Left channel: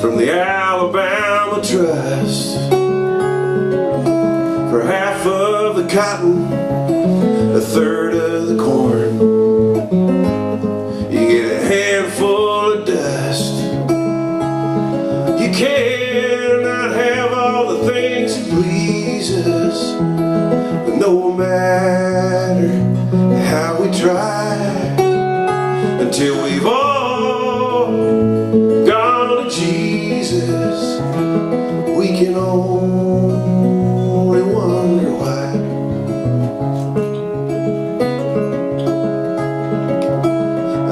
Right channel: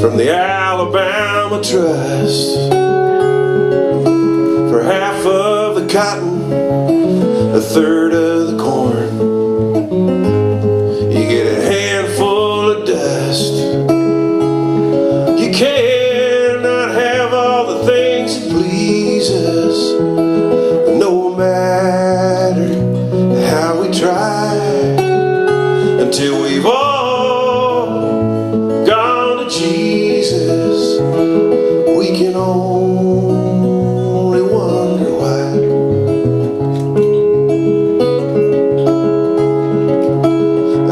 From the Alabama Trust, for half of the cotton, a third of the corn, you get a handful of dust. You cannot have all the things that please us, but no matter how we try, until we've all gone to Jesus, we can only wonder why.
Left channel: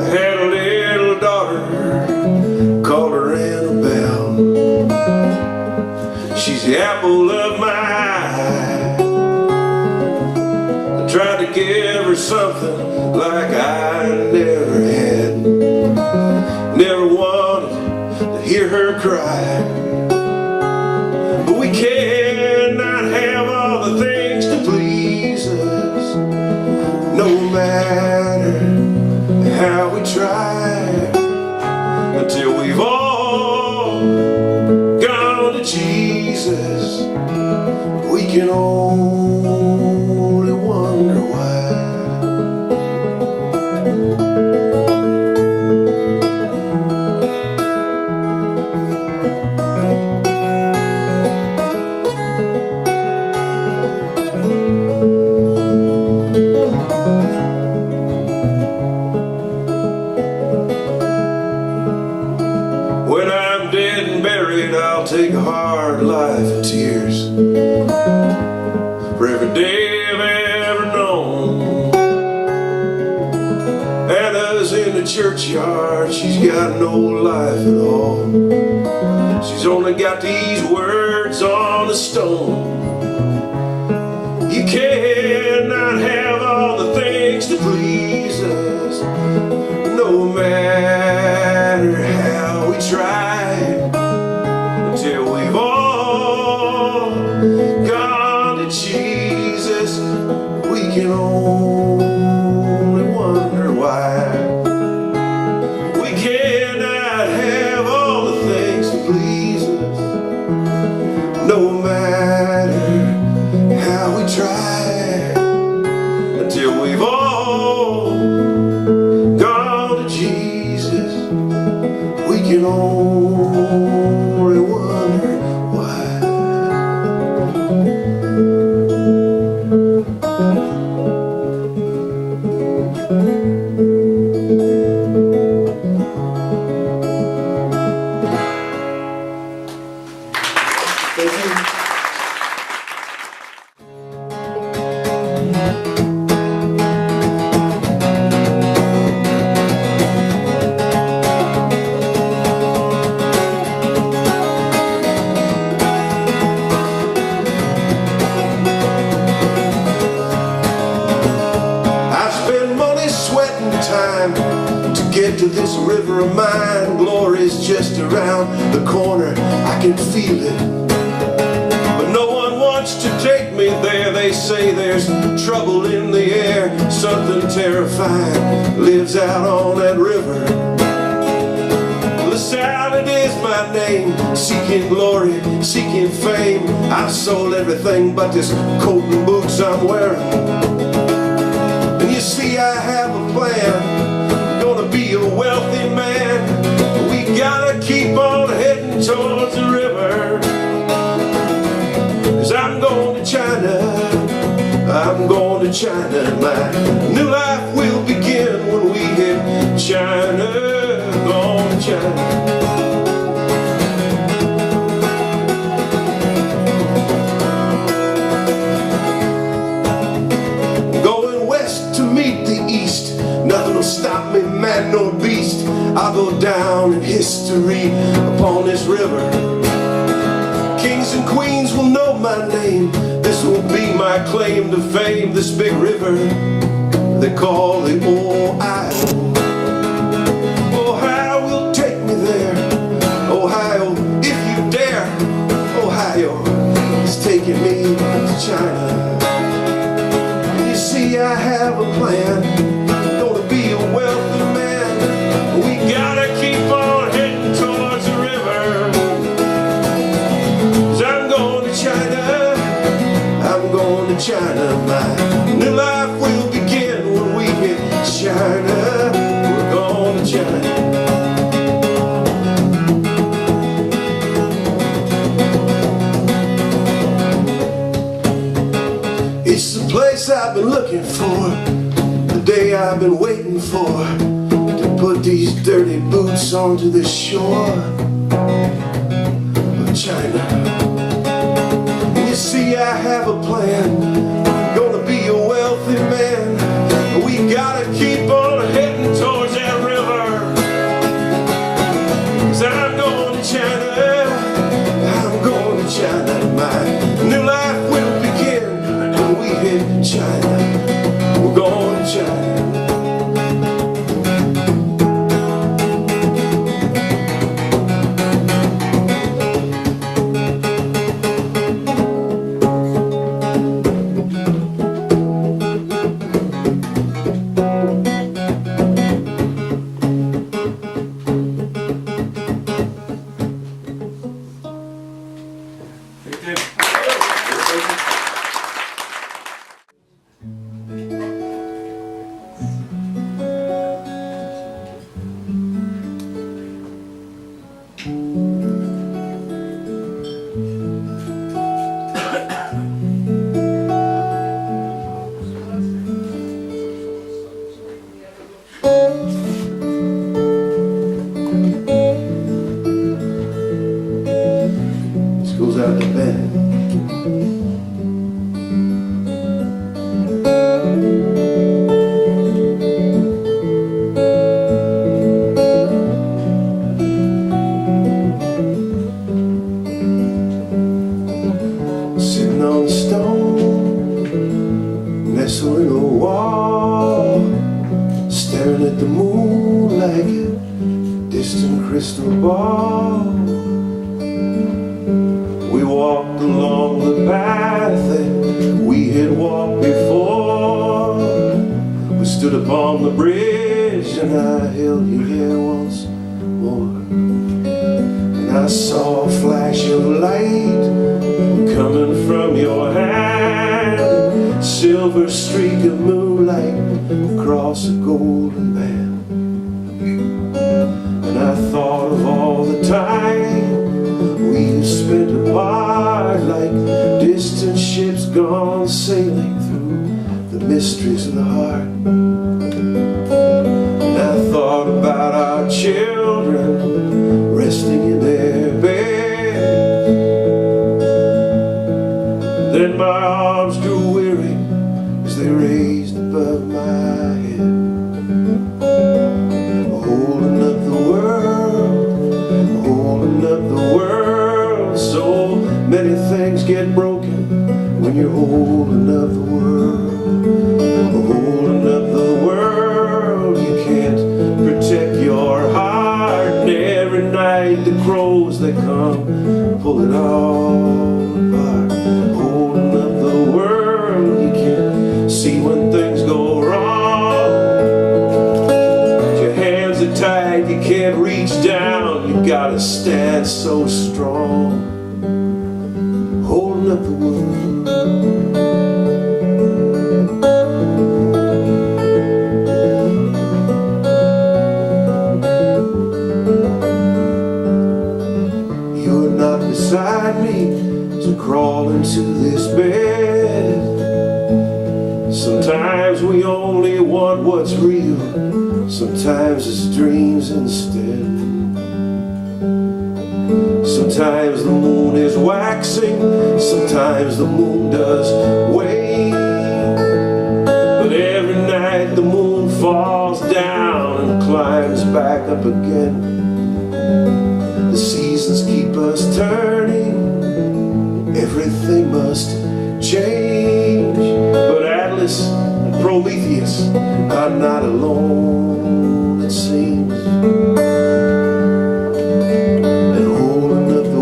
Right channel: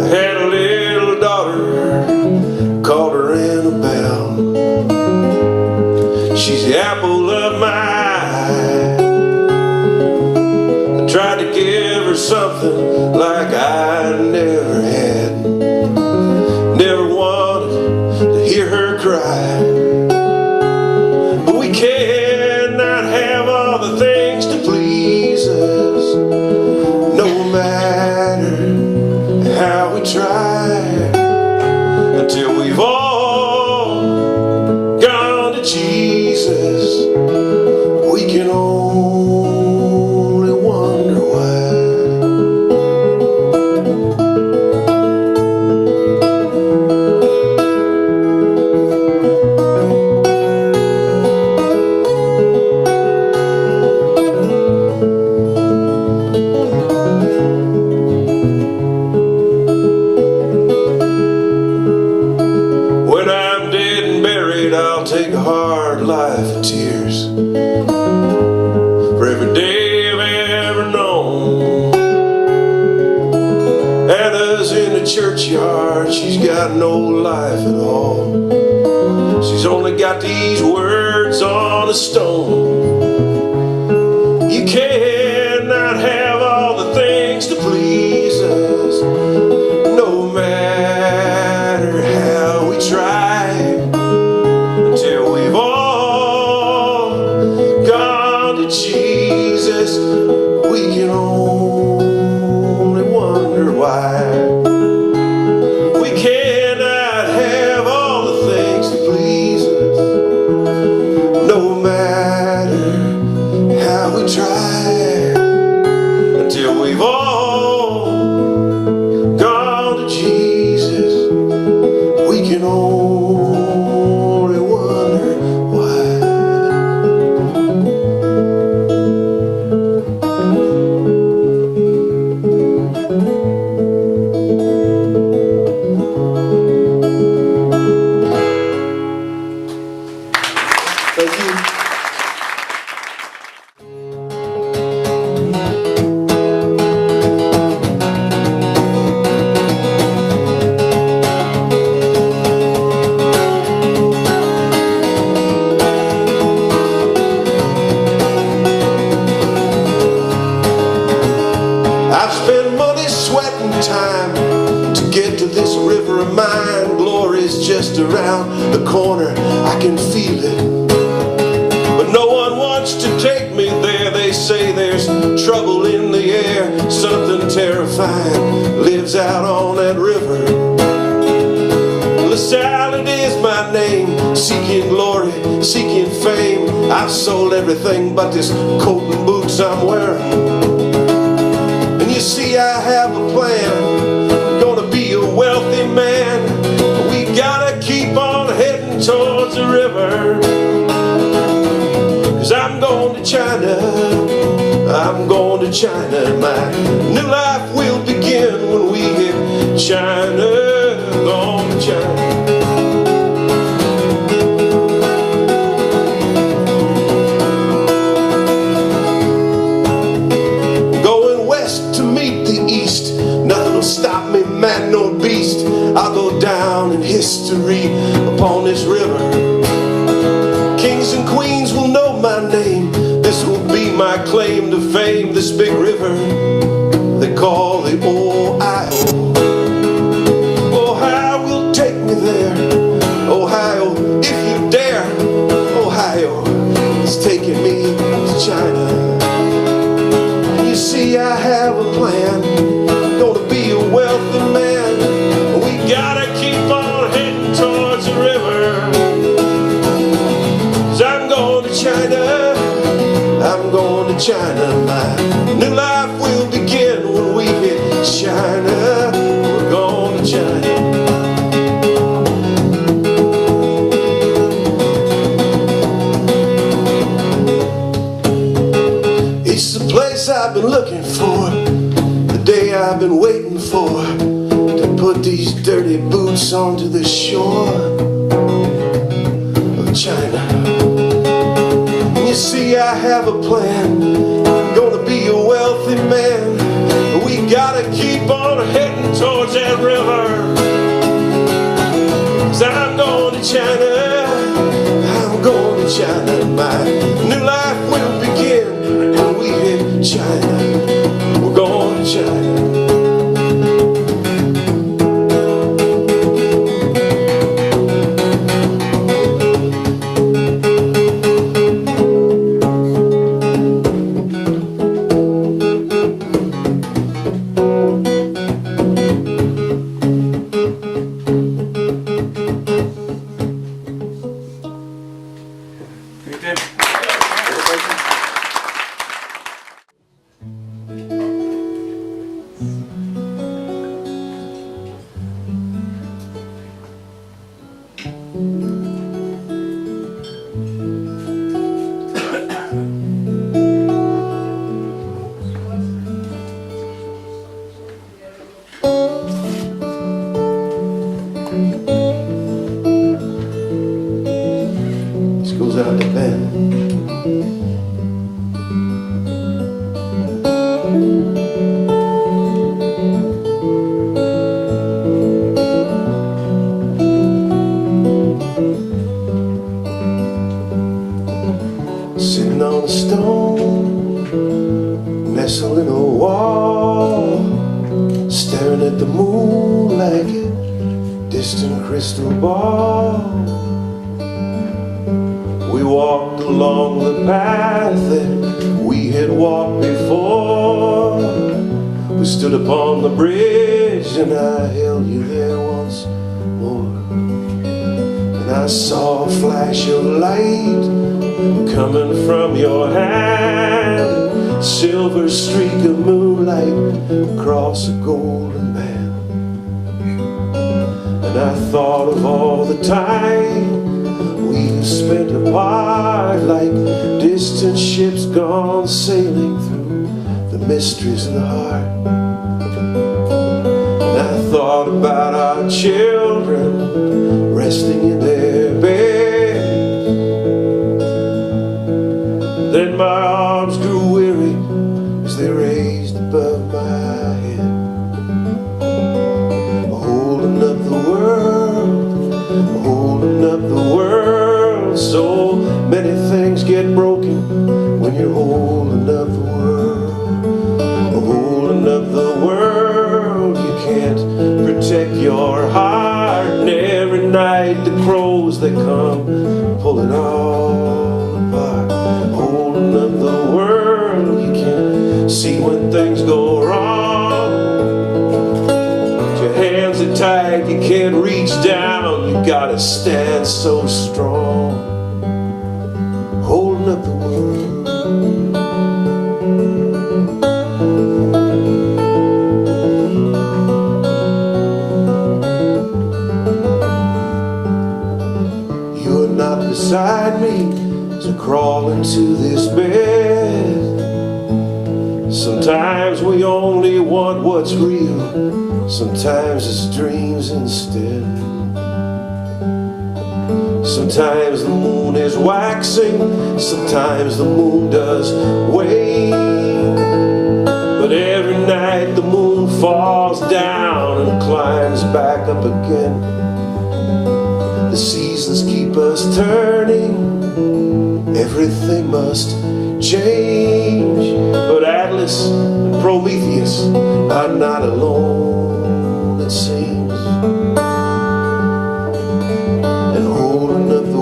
I had a little daughter, called her Annabelle. She's the apple of my eye. I tried to give her something like I never had. Never wanted to hear her cry. But we cannot have all the things to please us, no matter how we try, until we've all gone to Jesus. We can only wonder why. When I'm dead and buried, I'll take a hard life of tears for every day I've ever known. Anna's in the churchyard, she's got no life at all. She's only got these words on a stone. You cannot have all the things to please us, no matter how we try, until we've all gone to Jesus. We can only wonder why. We cannot have all the things to please us, no matter how we try, until we've all gone to Jesus. We can only wonder why. Thank you. I've spent money, sweat, and time to get to this river of mine. Glory's just around the corner, I can feel it, but no one wants to take me there. They say there's trouble in the air, something terrifying lives out on that river. LaSalle is my name, seeking glory, seeking fame. I've sold everything but this coat and boots I'm wearing. And you see, I have a plan, I'm gonna be a wealthy man. We gotta keep on heading towards the river, 'cause I'm going to China, I'm going to China. My new life will begin when we hit China, going to China. Going west to meet the east, nothing will stop me, man nor beast. I'll go down in history history upon this river. Kings and queens will know my name. This will be my claim to fame. This big river they call the Ohio. Ohio will take me there. Ohio, if you dare. Ohio is taking me to China. You see, I have a plan. Gonna be a wealthy man. We gotta keep on heading towards the river. 'Cause I'm going to China. I'm going to China. My new life will begin when we hit China. We're going to China. It's the place I've been looking for, the day I've been waiting for, to put these dirty boots onto the shore of China. And you see, I have a plan. I'm gonna be a wealthy man. We gotta keep on heading towards that river. 'Cause I'm going to China. I'm going to China. My new life will begin when we hit China. We're going to China. Goes out to bed. Sitting on a stone, nestled in a wall, staring at the moon like a distant crystal ball. We walked along the path that we had walked before. We stood upon the bridge and I held you there once more. And I saw a flash of light coming from your hand, silver streak of moonlight across a golden band. And I thought of all the time we have spent apart, like distant ships gone sailing through the mysteries of the heart. And I thought about our children resting in their beds. Then my arms grew weary as they raised above my head, holding up the world, holding up the world. So many things get broken when you're holding up the world. Holding up the world, you can't protect your heart. And every night the crows they come pull it all apart. Holding up the world, you can see when things go wrong. Your hands are tied, you can't reach down. You gotta stand so strong. Holding up the world. You're not beside me as I crawl into this bed. Sometimes we only want what's real, sometimes it's dreams instead. Sometimes the moon is waxing, sometimes the moon does wane. But every night the moon falls down and climbs back up again. seasons keep us turning, everything must change. But Atlas and Prometheus are not alone, it seems. And holding up the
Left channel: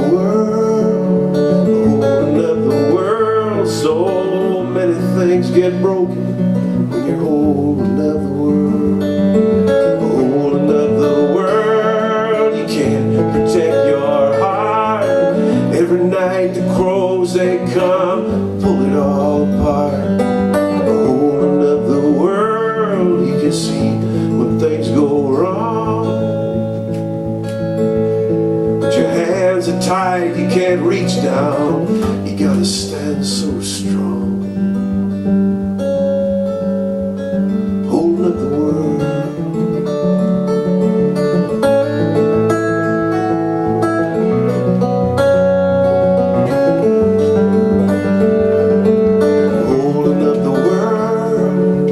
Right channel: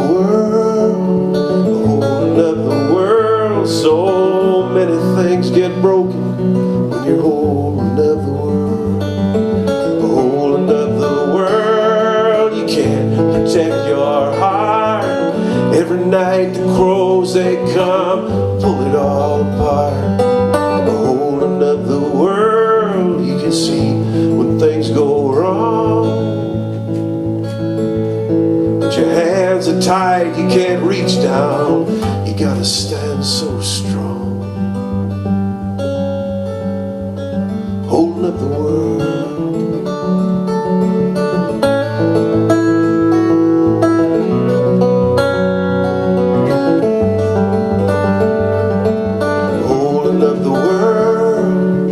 world, so many things get broken when you're holding up the world. Holding up the world, you can't protect your heart. Every night the crows, they come, pull it all apart. Holding up the world, you can see when things go wrong. But your hands are tied, you can't reach down. You gotta stand so strong. Holding up the world. Holding up the world.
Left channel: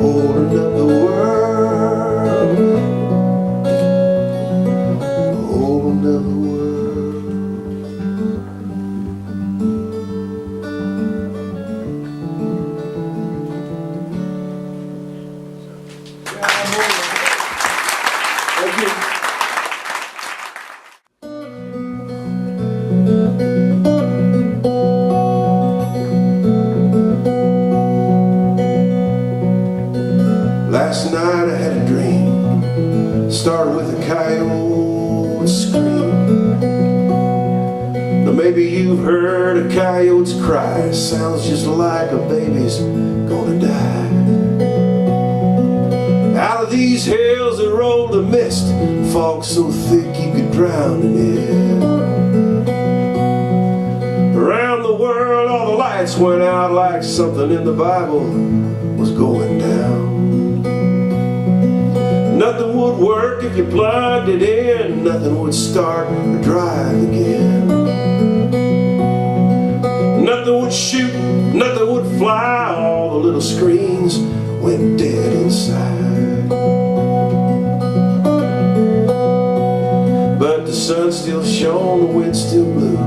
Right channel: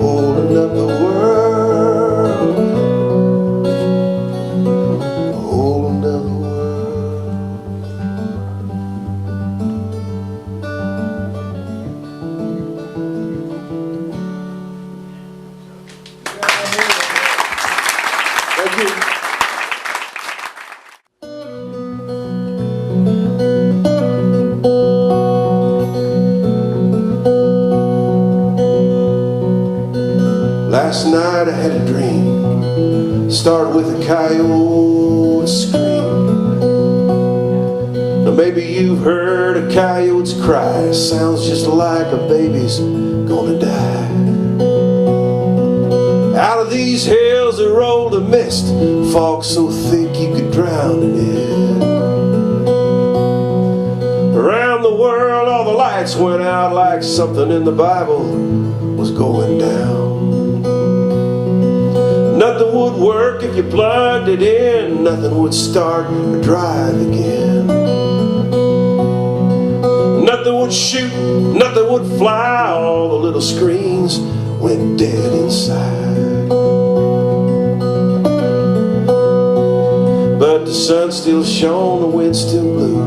Holding up the world. Holding up the world. Thank you. Last night I had a dream, started with a coyote scream. Now maybe you've heard a coyote's cry, sounds just like a baby's gonna die. Out of these hills there rolled a mist, fog so thick you could drown in it. Around the world all the lights went out like something in the Bible was going down. Nothing would work if you plugged it in, nothing would start or drive again. Nothing would shoot, nothing would fly, all the little screens went dead inside. But the sun still shone, the wind still blew.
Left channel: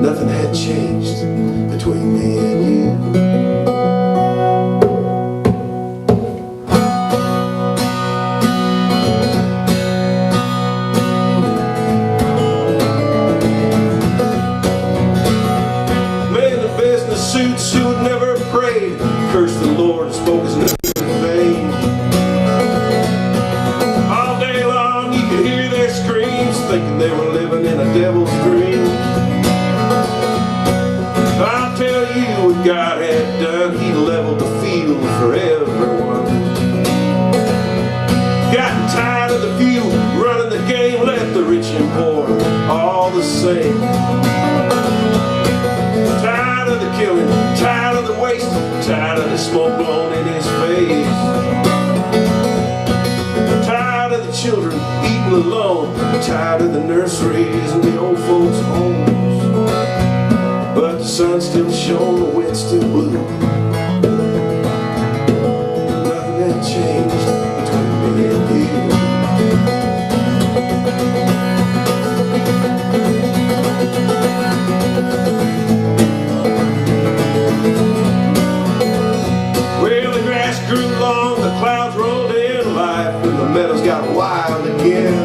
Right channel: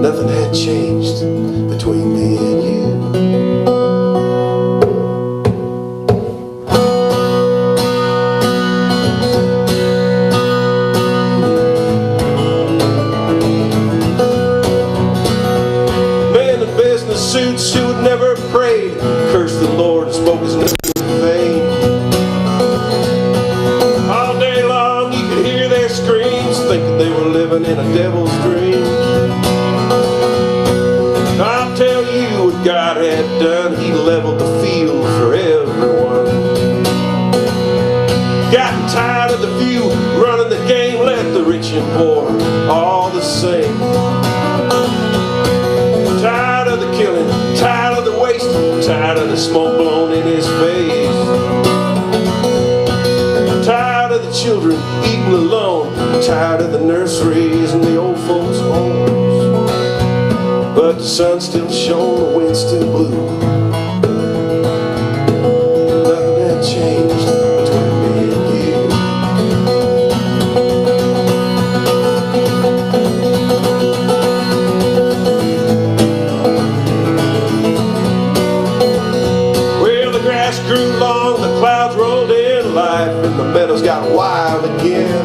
Nothing had changed between me and you. Man in business suits who had never prayed cursed the Lord and spoke his name in vain. All day long you could hear their screams, thinking they were living in a devil's dream. I'll tell you what God had done, he leveled the field for everyone. Gotten tired of the few running the game, left the rich and poor all the same. Tired of the killing, tired of the waste, tired of the smoke blown in his face. Tired of the children eating alone, tired of the nurseries and the old folks' homes. But the sun still shone, the wind still blew. Nothing had changed between me and you. Well, the grass grew long, the clouds rolled in, life in the meadows got wild again.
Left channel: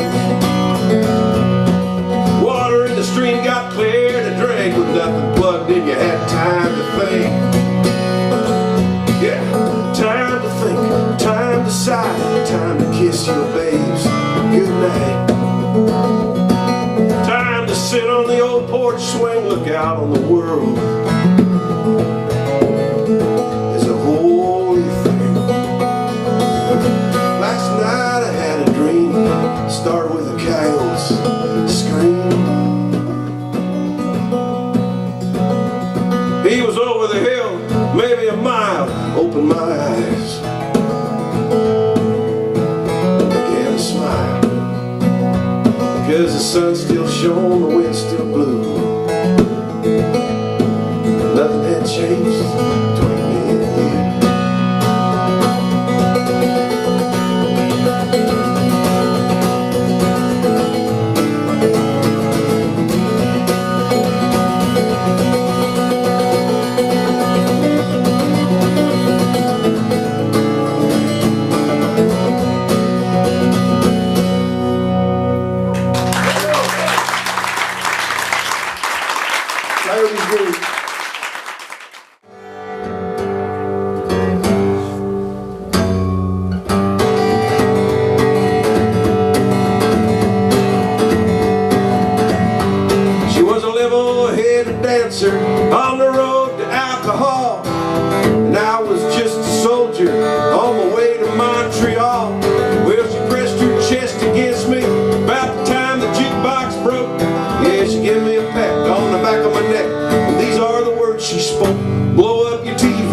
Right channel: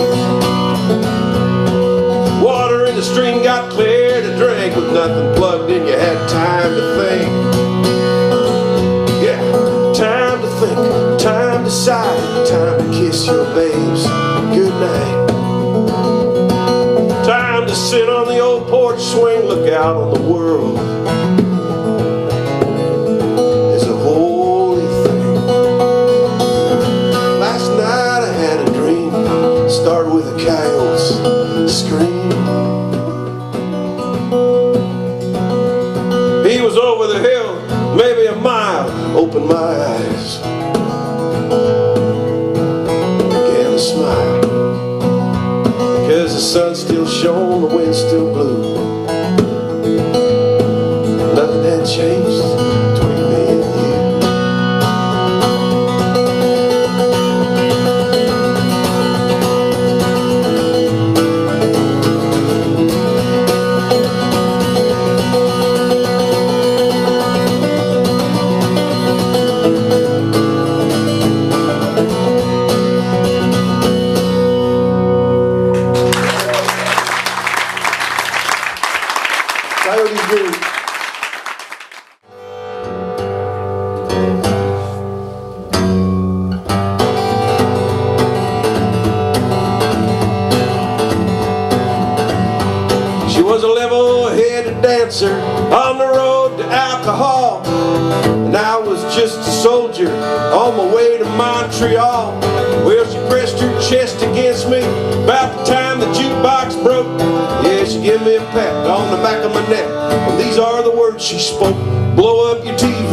Water in the stream got clear to drink, with nothing plugged in, you had time to think. Yeah, time to think, time to sigh, time to kiss your babes goodnight. Time to sit on the old porch swing, look out on the world. It's a holy thing. Last night I had a dream, started with a coyote's scream. He was over the hill, maybe a mile, opened my eyes, began to smile. Cause the sun still shone, the wind still blew. Nothing had changed between me and you. and I was just a soldier on my way to Montreal. Well, she pressed her chest against me about the time the jukebox broke. Yeah, she gave me a pat on the back of my neck, and these are the words she spoke. Blow up your TV,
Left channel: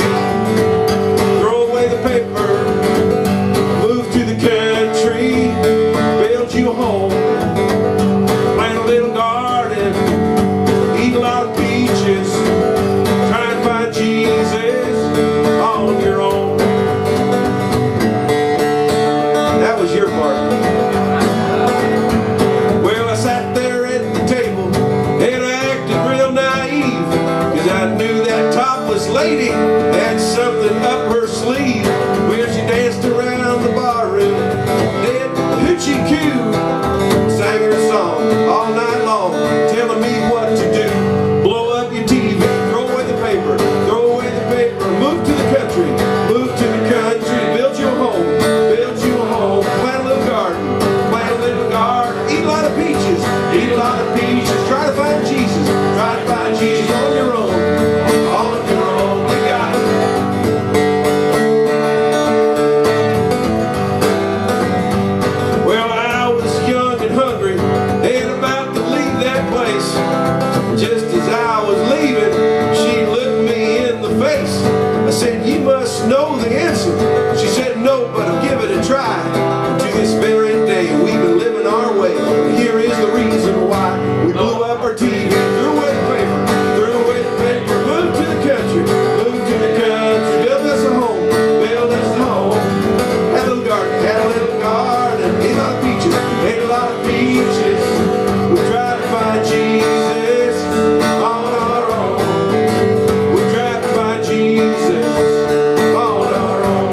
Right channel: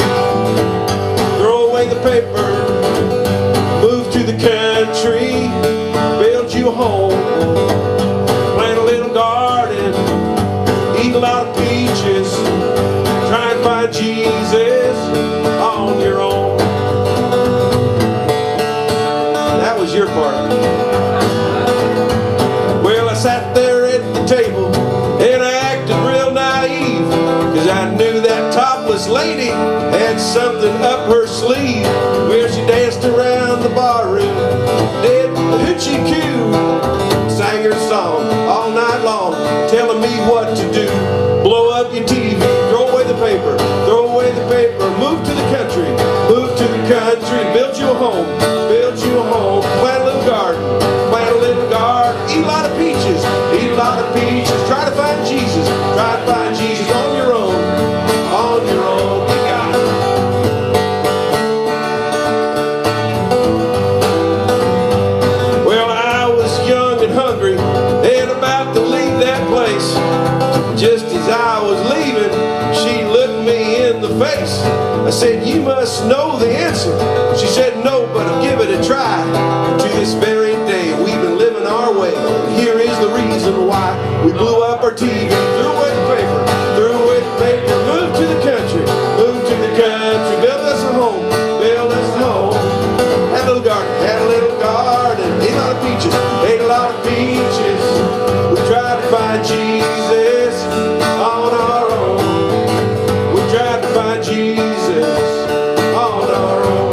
throw away the paper, move to the country, build you a home, plant a little garden, eat a lot of peaches, try and find Jesus on your own. That was your part. Well, I sat there at the table and I acted real naive, cause I knew that topless lady had something up her sleeve. Well, she danced around the barroom, did the hoochie coo, sang her song all night long, telling me what to do. Blow up your TV, throw away the paper, throw away the paper, move to the country, move to the country, build you a home, plant a little garden, eat a lot of peaches, try to find Jesus on your own, you got it. Well, I was young and hungry and about to leave that place. Just as I was leaving, she looked me in the face. I said, you must know the answer. She said, no, but I'll give it a try. And to this very day, we've been living our way. And here is the reason why. We blew up our TV, threw away the paper, moved to the country, built us a home, had a little garden, ate a lot of peaches, we tried to find Jesus on our own, we tried to find Jesus on our own.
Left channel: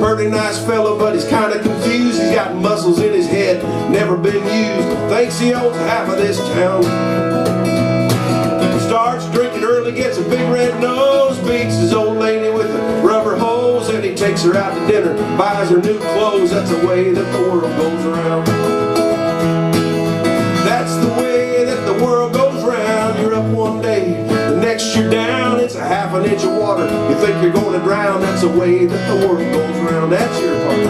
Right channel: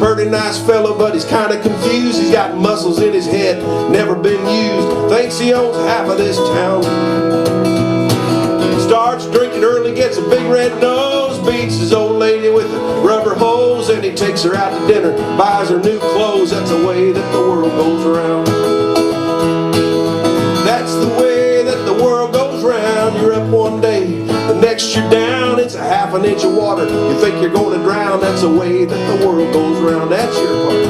Pretty nice fellow, but he's kind of confused. He's got muscles in his head, never been used. Thinks he owns half of this town. Starts drinking early, gets a big red nose, beats his old lady with a rubber hose, and he takes her out to dinner, buys her new clothes. That's the way that the world goes around. That's the way that the world goes around. You're up one day, the next you're down. It's a half an inch of water, you think you're going to drown. That's the way that the world goes around. That's your part.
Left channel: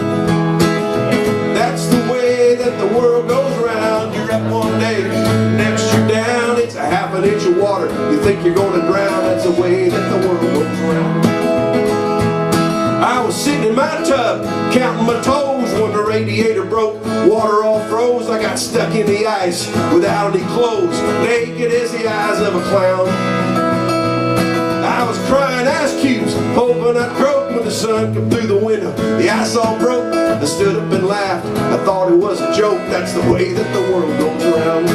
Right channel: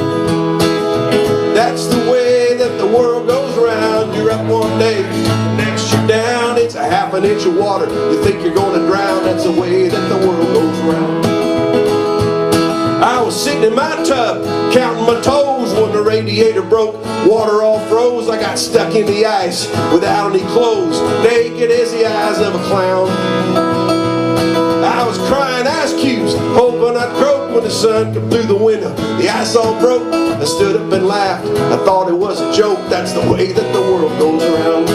That's the way that the world goes around. You're up one day, next you're down. It's a half an inch of water, you think you're going to drown. That's the way that the world goes around. I was sitting in my tub, counting my toes, when the radiator broke, water all froze. I got stuck in the ice without any clothes, naked as the eyes of a clown. I was crying ice cubes, hoping I'd croak when the sun come through the window. The ice all broke, I stood up and laughed. I thought it was a joke. That's the way that the world goes around.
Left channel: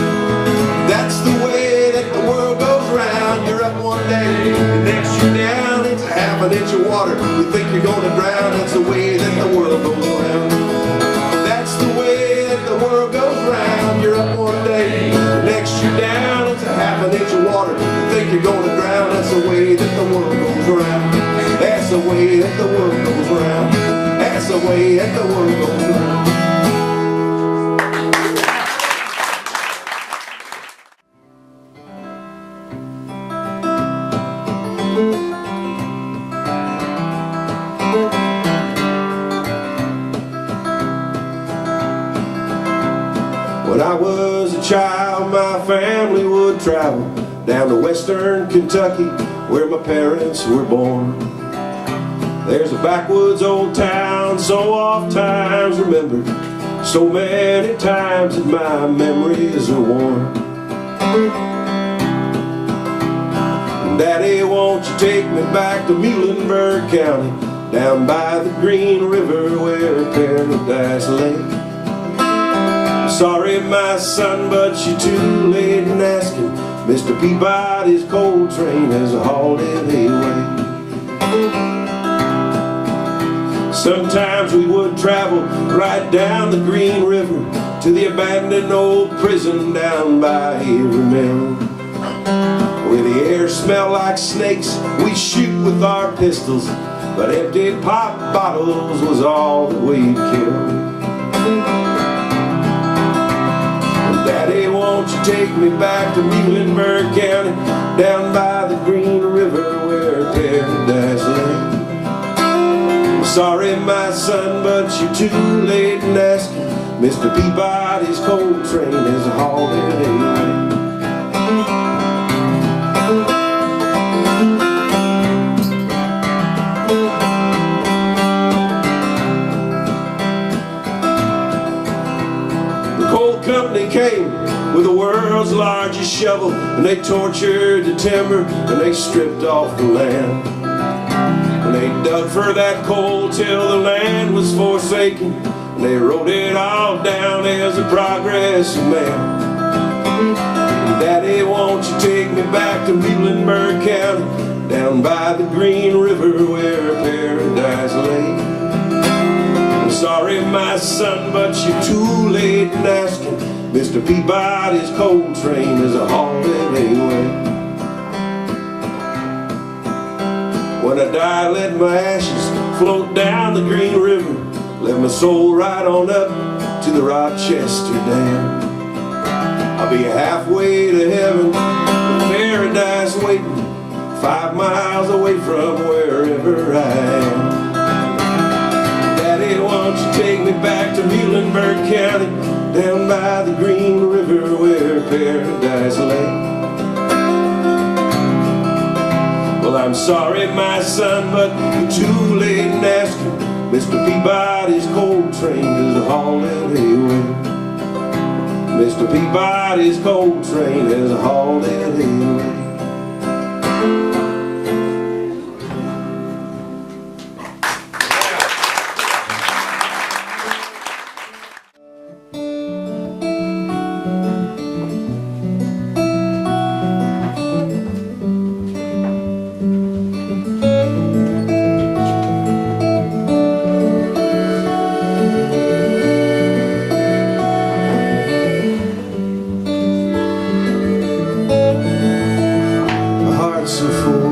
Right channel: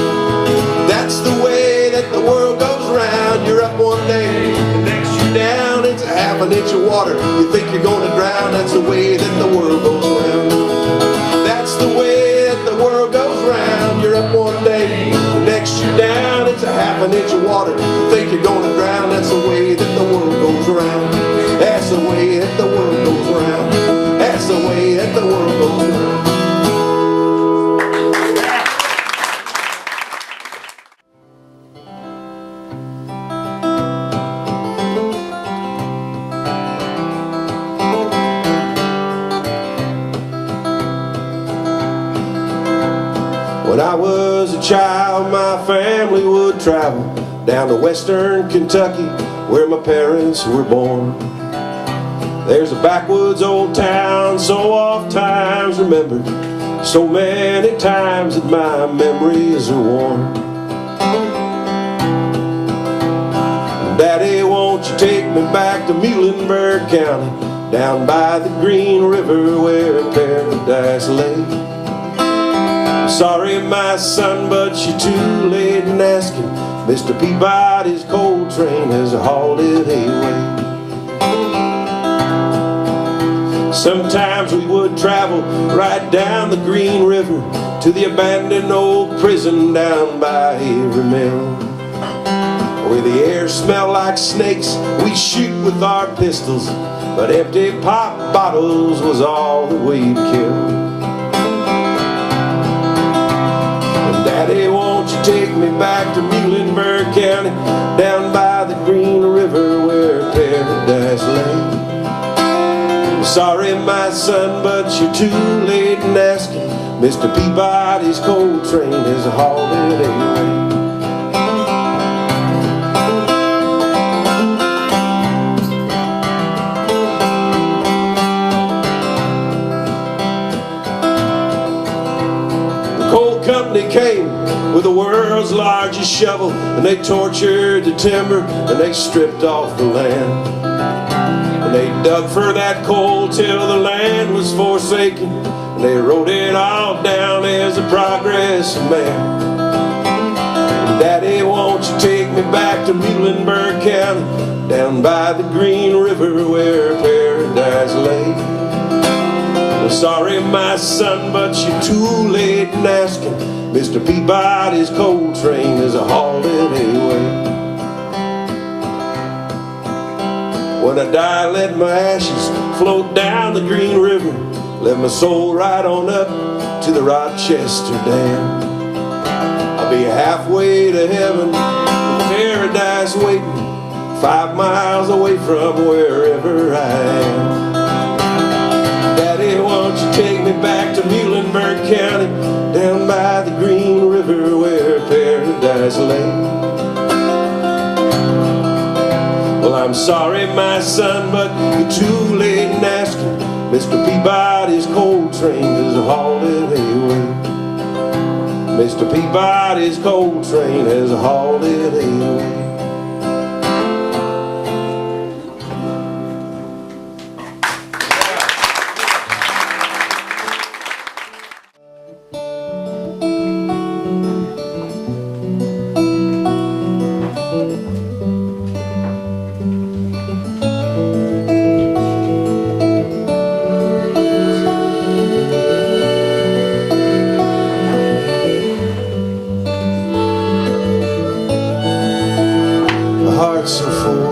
That's the way that the world goes around. You're up one day, the next you're down. It's a half an inch of water, you think you're going to drown. That's the way that the world goes around. That's the way that the world goes around. You're up one day, the next you're down. It's a half an inch of water, you think you're going to drown. That's the way that the world goes around. That's the way that the world goes around. That's the way that the world goes around. When I was a child, my family would travel down to western Kentucky, where my parents were born. There's a backwoods old town so oft times remembered, so many times that my memories are worn. Daddy, won't you take me back to Muhlenberg County, down by the Green River where paradise lay? Sorry, my son, but you're too late in asking. Mr. Peabodys Coltrane has hauled it away. Sometimes we would travel right down the Green River to the abandoned old prison down by every mill, where the air smelled like snakes. We'd shoot with our pistols, but empty pop bottles was all that we'd kill. And Daddy, won't you take me back to Muhlenberg County, down by the Green River where paradise lay? I'm sorry, my son, but you're too late in asking. Mr. Peabody's Coltrane is hauled away. Company came with the world's largest shovel, and they tortured the timber and they stripped off the land, and they dug for that coal till the land was forsaken, and they wrote it all down as a progressive man. And Daddy, won't you take me back to Muhlenberg County, down by the Green River where paradise lay? I'm sorry, my son, but you're too late in asking. Mr. Peabody's Coltrane is a holiday away. When I die, let my ashes float down the Green River. Let my soul ride on up to the Rochester Dam. I'll be halfway to heaven, with paradise waiting, 5 miles away from wherever I am. Won't you take me back to Muhlenberg County, down by the Green River where paradise lay? Well, I'm sorry, my son, but you're too late in asking. Mr. Peabody's Coltrane is a holiday away. Mr. Peabody's Coltrane is a holiday away. So full,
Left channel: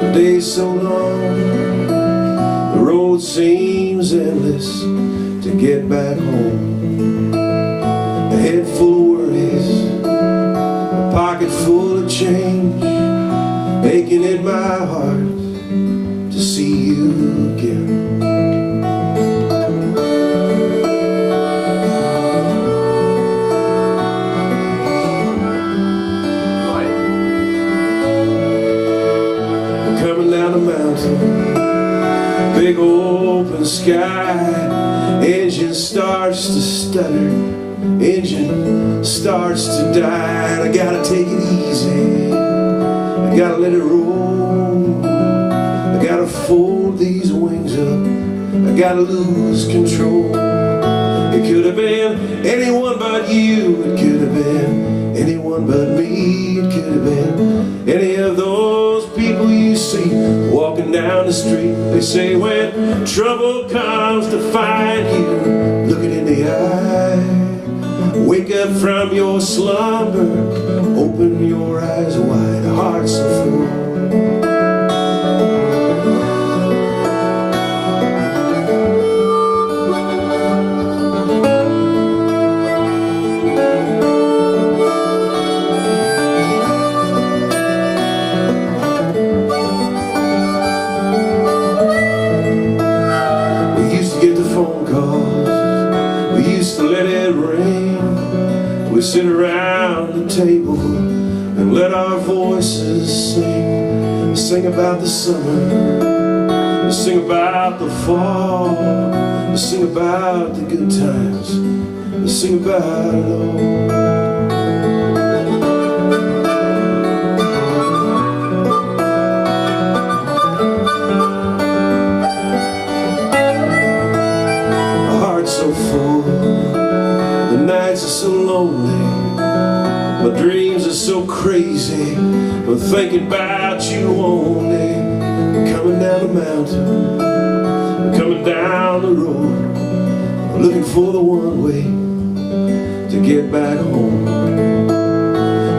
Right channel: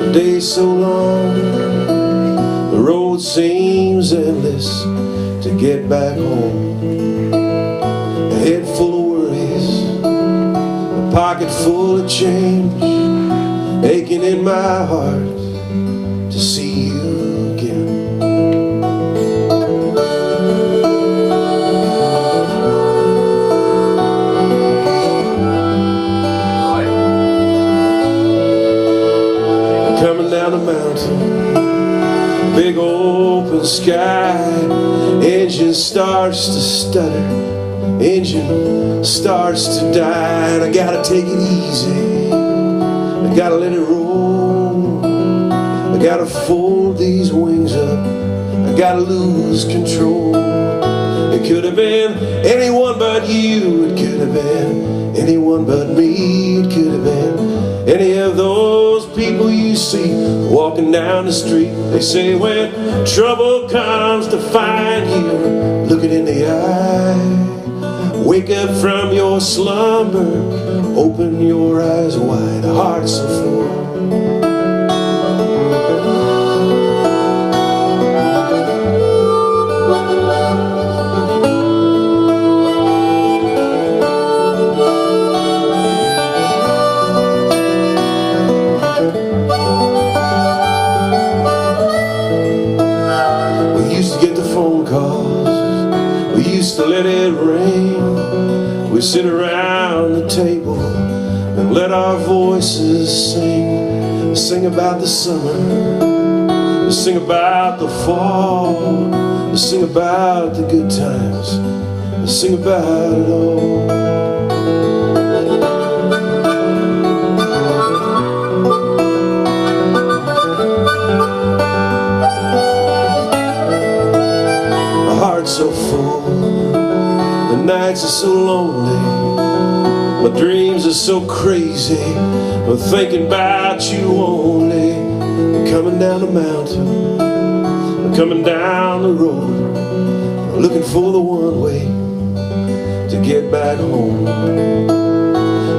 the day so long, the road seems endless to get back home. A head full of worries, a pocket full of change, aching in my heart to see you again. Big open sky, engine starts to stutter, engine starts to die, and I gotta take it easy, I gotta let it roll, I gotta fold these wings up, I gotta lose control. It could have been anyone but you, it could have been anyone but me, it could have been any of those people you see walking down the street. They say when trouble comes to find you, look it in the eye, wake up from your slumber, open your eyes wide, a heart so full. We sit around the table and let our voices sing. Sing about the summer, sing about the fall, sing about the good times, sing about it all. So full, the nights are so lonely, my dreams are so crazy, I'm thinking about you only. I'm coming down the mountain, I'm coming down the road, looking for the one way to get back home.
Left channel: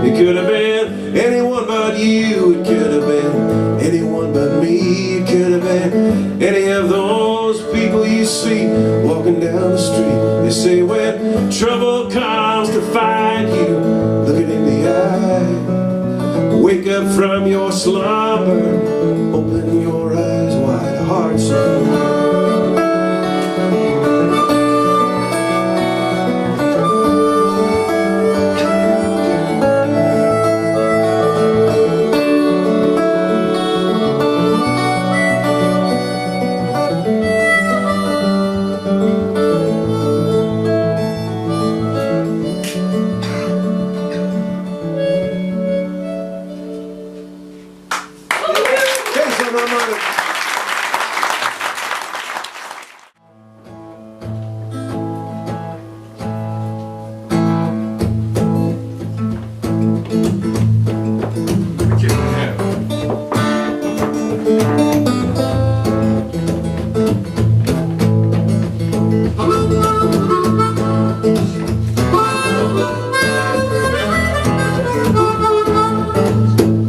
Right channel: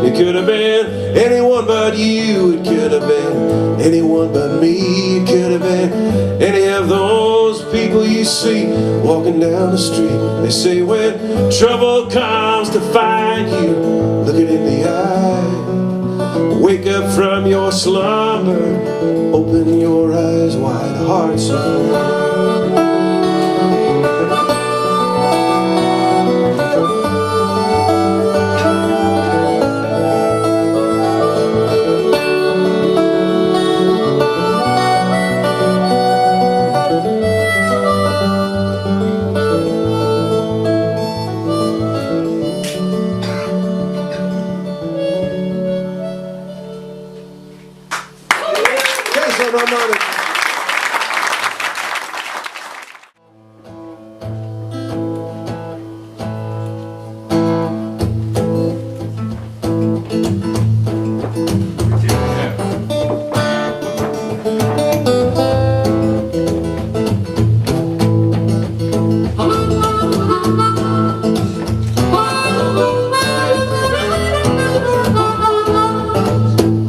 It could have been anyone but you. It could have been anyone but me. It could have been any of those people you see walking down the street. They say when trouble comes to find you, look it in the eye. Wake up from your slumber, open your eyes wide, hearts open.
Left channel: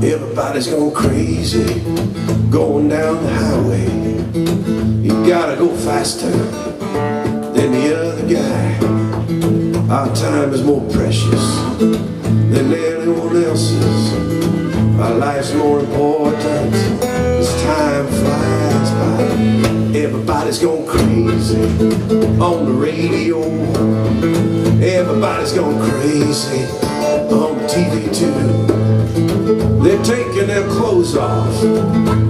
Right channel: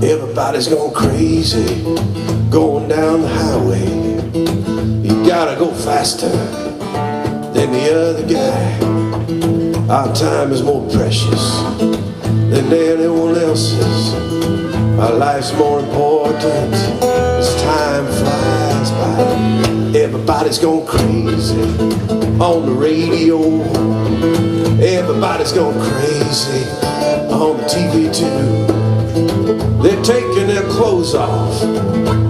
Everybody's going crazy, going down the highway. You gotta go faster than the other guy. Our time is more precious than anyone else's. Our life's more important as time flies by. Everybody's going crazy on the radio. Everybody's going crazy on the TV too. They're taking their clothes off.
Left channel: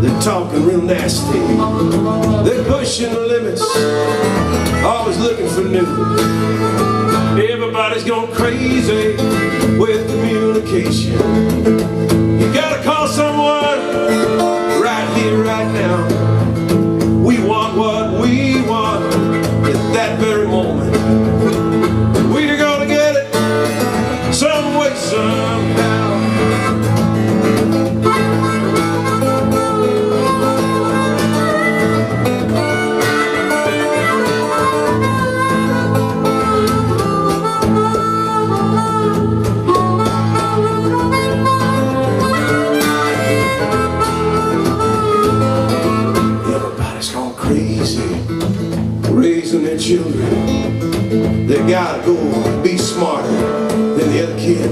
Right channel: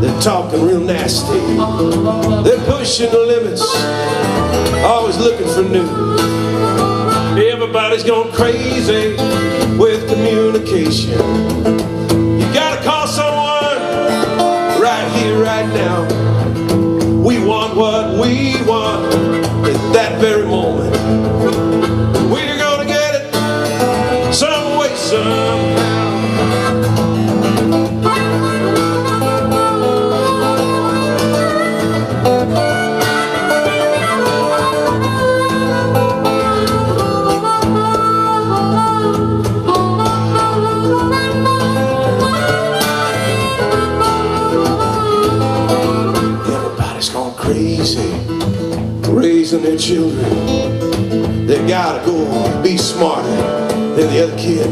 They're talking real nasty. They're pushing the limits, always looking for new. Everybody's going crazy with communication. You gotta call someone right here, right now. We want what we want at that very moment. We're gonna get it some way, somehow. Raising their children, they gotta go be smarter than the other kid.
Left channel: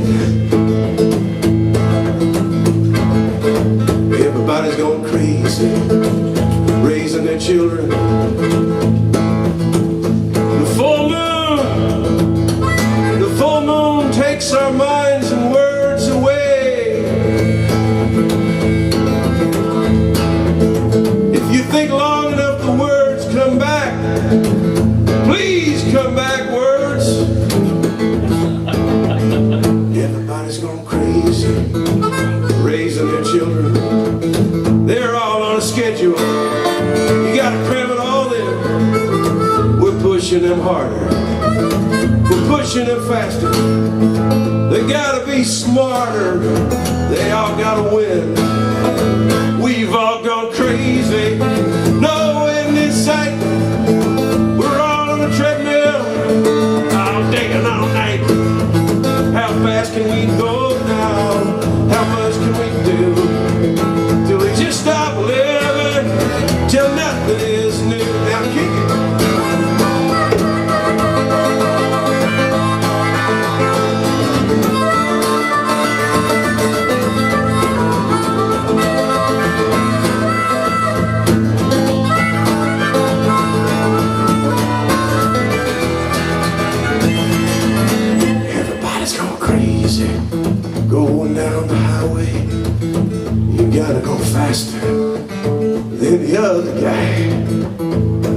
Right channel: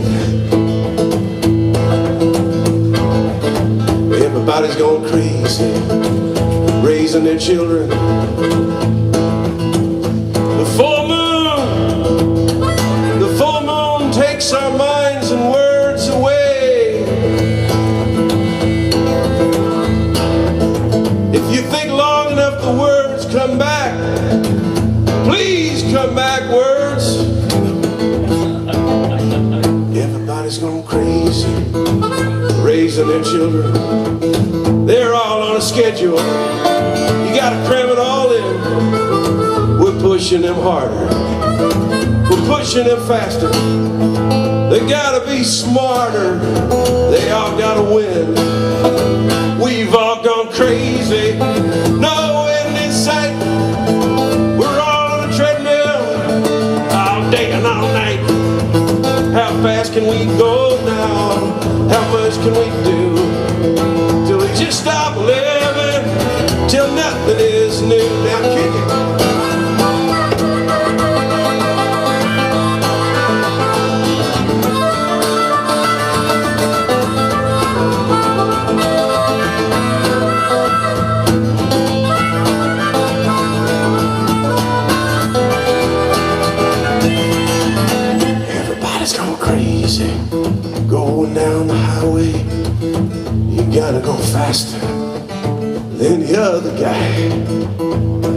Everybody's going crazy, raising their children. The full moon takes our minds and words away. If you think long enough, the words come back. Please come back, words. Everybody's going crazy, raising their children. They're all on a schedule. You gotta cram it all in. We're pushing them harder. We're pushing them faster. They gotta be smarter. They all gotta win. We've all gone crazy. No end in sight. How fast can we go now? How much can we do? Till we just stop living, till nothing is new. Now kick it. Going down the highway, you gotta go faster than the other guy.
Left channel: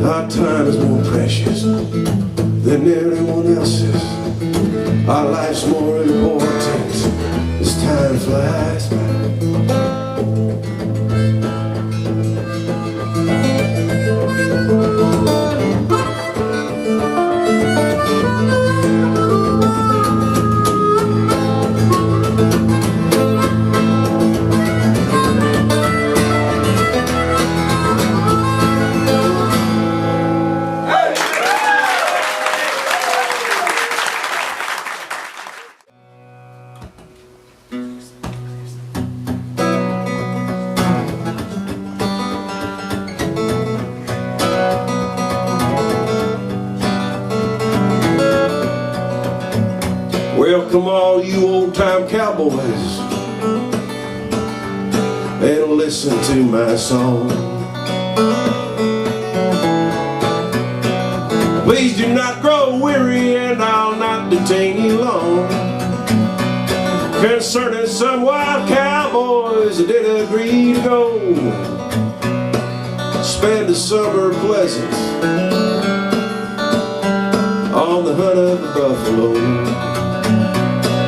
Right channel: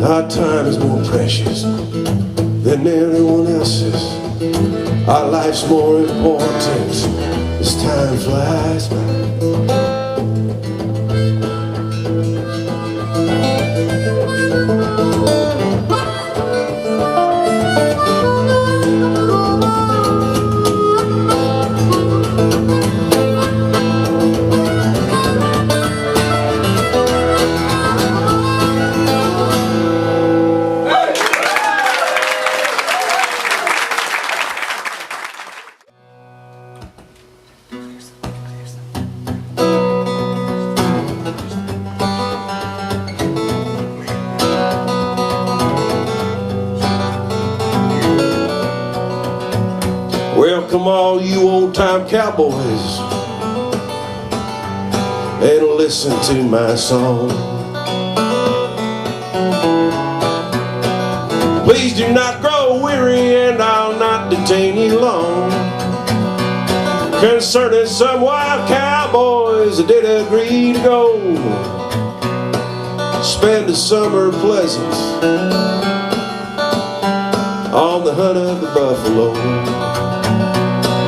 Our time is more precious than anyone else's. Our life's more important as time flies by. old-time cowboys and listen to my song. Please do not grow weary, and I'll not detain you long, concerning some wild cowboys that did agree to go spend a summer pleasant on the hunt of the buffalo.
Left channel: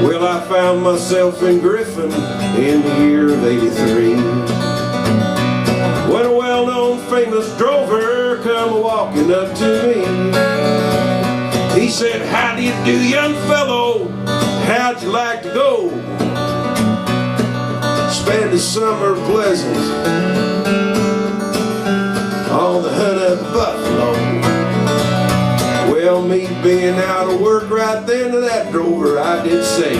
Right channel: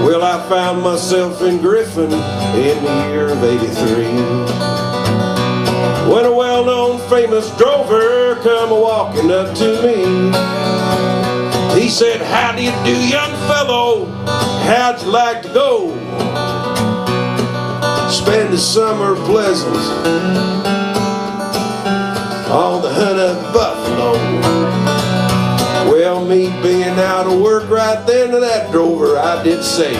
Well, I found myself in Griffin in the year of '83, when a well-known famous drover come a-walking up to me. He said, "How do you do, young fellow? How'd you like to go spend the summer pleasant on the hunt of the buffalo?" Well, me being out of work right then to that drover, I did say,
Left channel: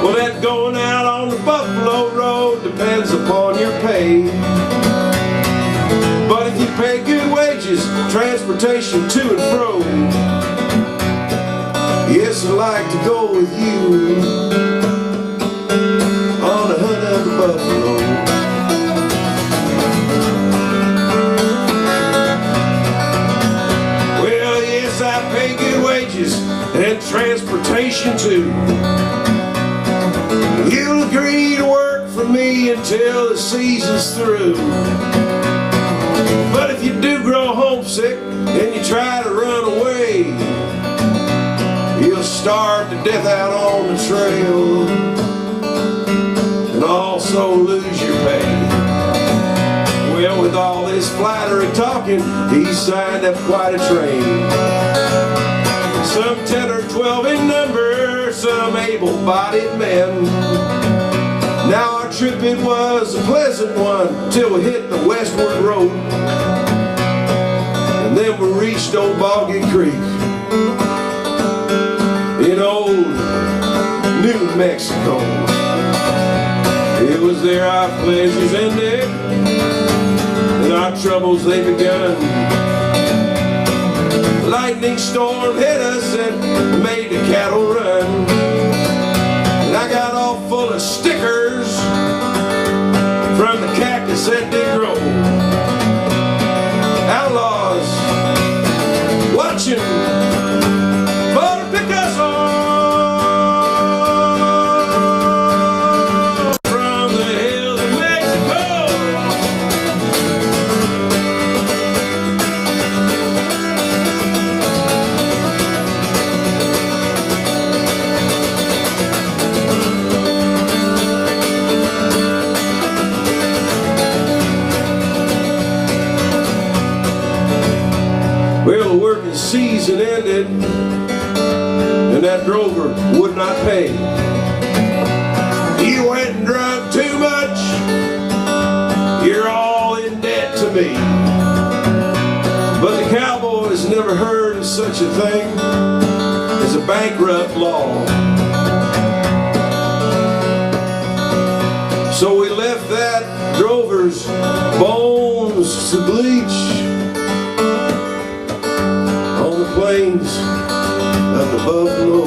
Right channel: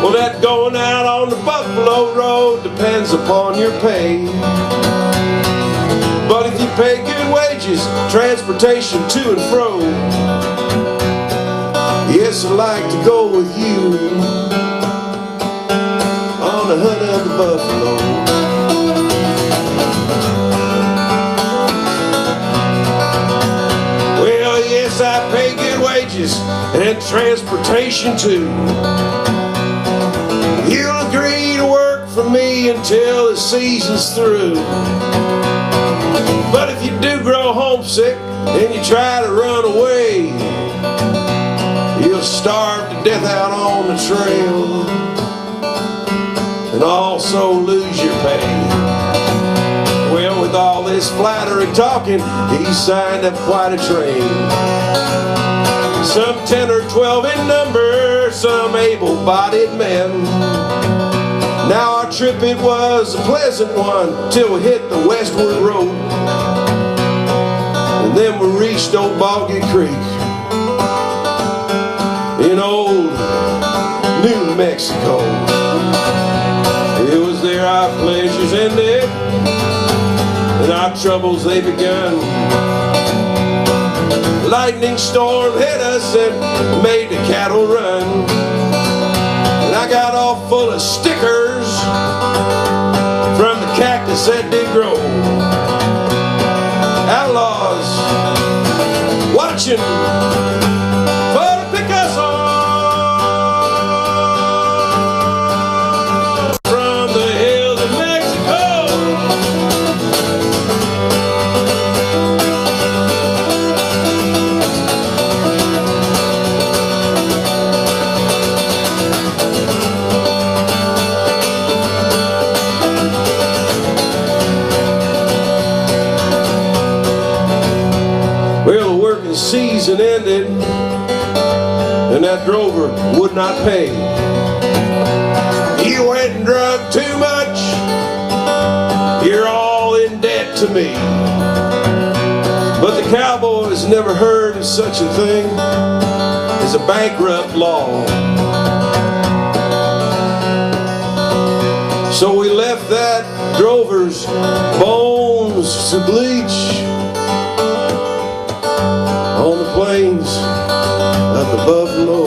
"Well, that going out on the buffalo road depends upon your pay. But if you pay good wages, transportation to and fro, yes, I'd like to go with you on the hunt of the buffalo." Well, yes, I pay good wages and transportation too. You'll agree to work for me until the season's through. But if you do grow homesick and you try to run away, you'll starve to death out on the trail and also lose your pay. Well, with all this flattery talking, he signed up quite a train. Some 10 or 12 in number, some able-bodied men. Now our trip, it was a pleasant one till we hit the westward road, and then we reached old Boggy Creek in old New Mexico. It was there our pleasures ended and our troubles they begun. Lightning storm hit us and made the cattle run, and I got all full of stickers from the cactus that did grow. Outlaws watching for to pick us off from the hills of Mexico. Well, the working season ended and that drover would not pay. "You went and drunk too much, you're all in debt to me." But the Cowboys never heard of such a thing as a bankrupt law. So we left that drover's bones to bleach on the plains of the buffalo.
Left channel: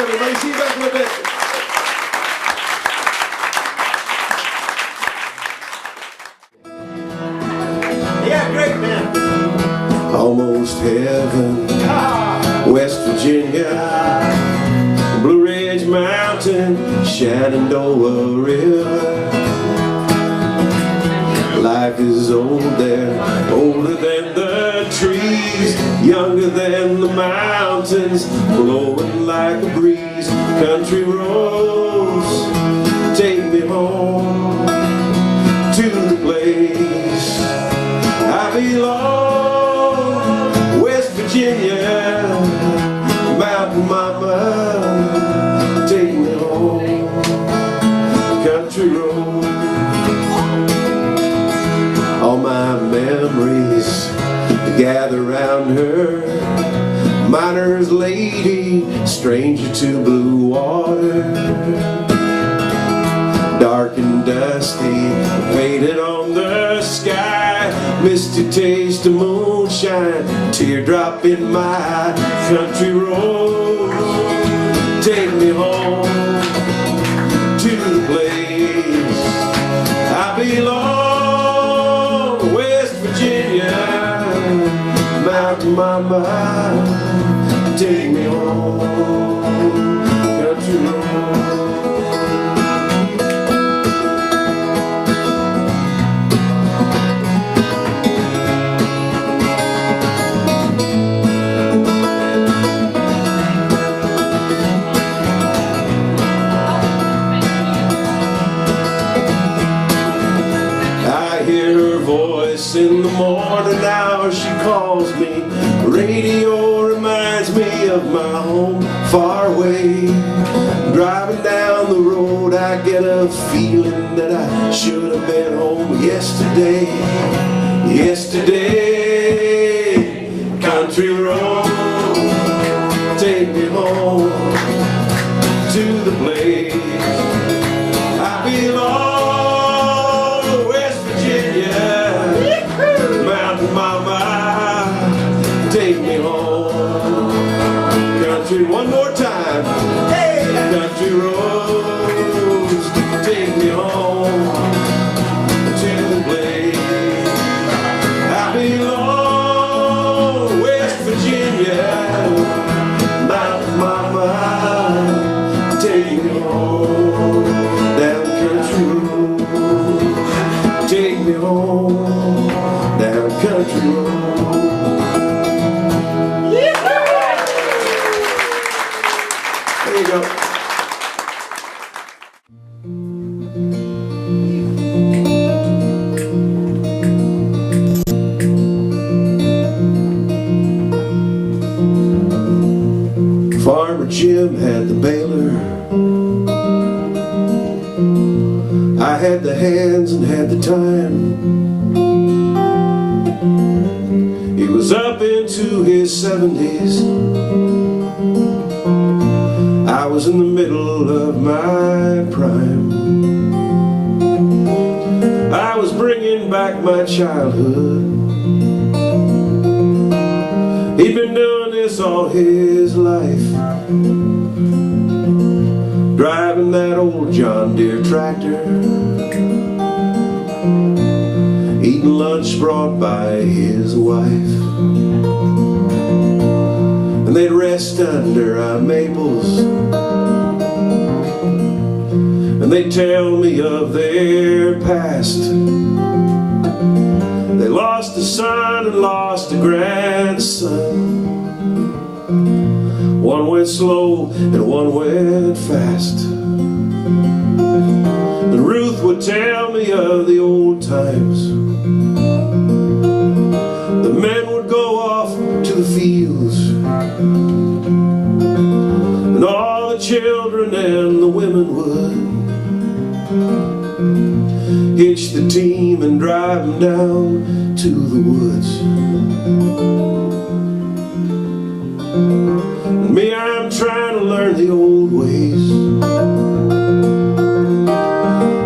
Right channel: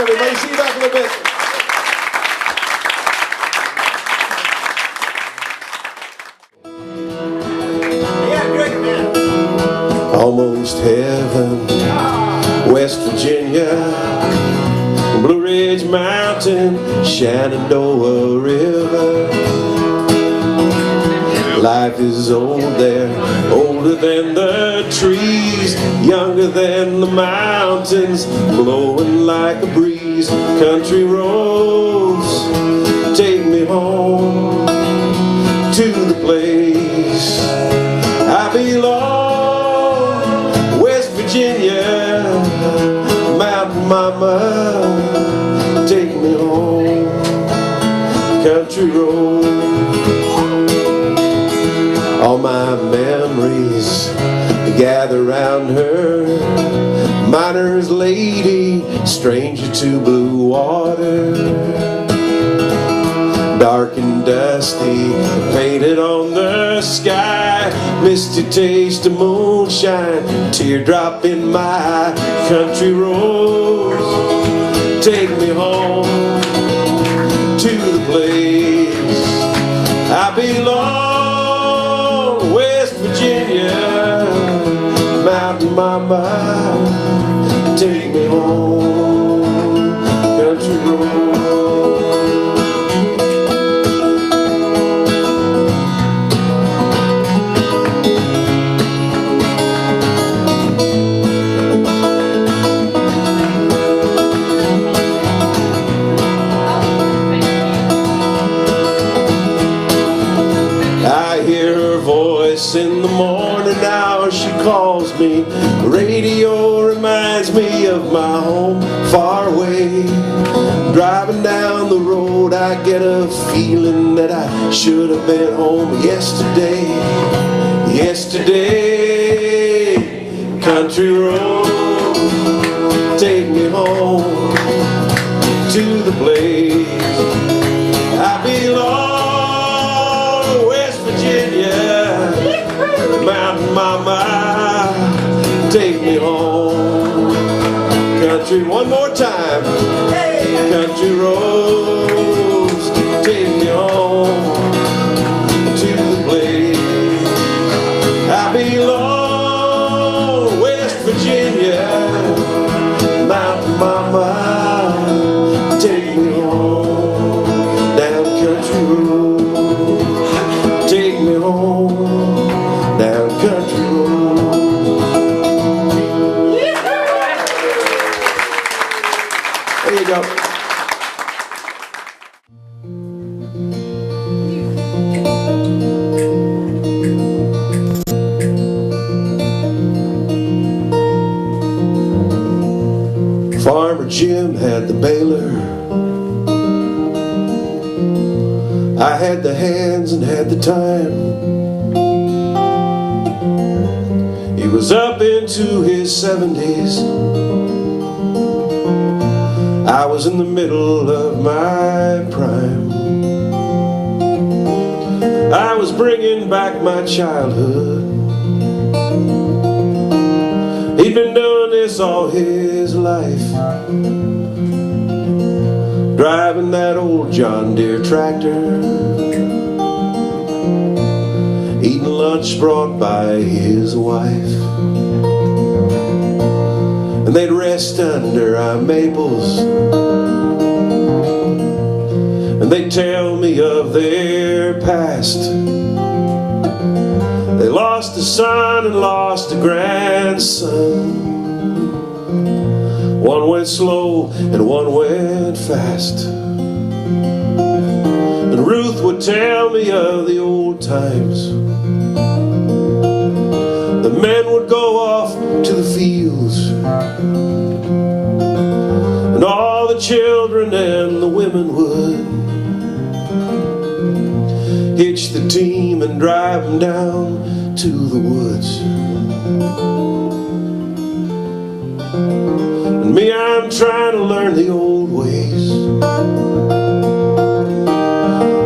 Everybody, see you back in a bit. Yeah, great, man. Almost heaven, West Virginia, Blue Ridge Mountain, Shenandoah River. Life is old there, older than the trees, younger than the mountains, blowing like a breeze. Country roads take me home to the place I belong. West Virginia, mama, take me home, country road. All my memories gather round her, miner's lady, stranger to blue water. Dark and dusty, painted on the sky, misty taste of moonshine, teardrop in my eye. Country road, take me home to the place I belong, West Virginia. Mountain mama, take me home, country road. In the morning hours she calls me, radio reminds me of my home far away. Driving down the road I get a feeling that I should have been home yesterday. Yesterday, country road, take me home to the place I belong, West Virginia. Mountain mama, take me home, country, one more time. Hey, country roads, take me home to the place I belong, West Virginia. Mountain mama, take me home, down country road, take me home, down country road. There you go. Farmer Jim had the baler, I had the hands and had the time. He was up into his 70s, I was in the middle of my prime. I was bringing back my childhood. He'd been doing this all his life, driving that old John Deere tractor, eating lunch brought by his wife. And they'd rest under our maples, and they'd tell me of their past. They lost a son and lost a grandson. One went slow and one went fast. And Ruth would tell me of the old times. The men would go off to the fields, and all the children and the women would hitch the team and drive them down to the woods. And me, I'm trying to learn the old ways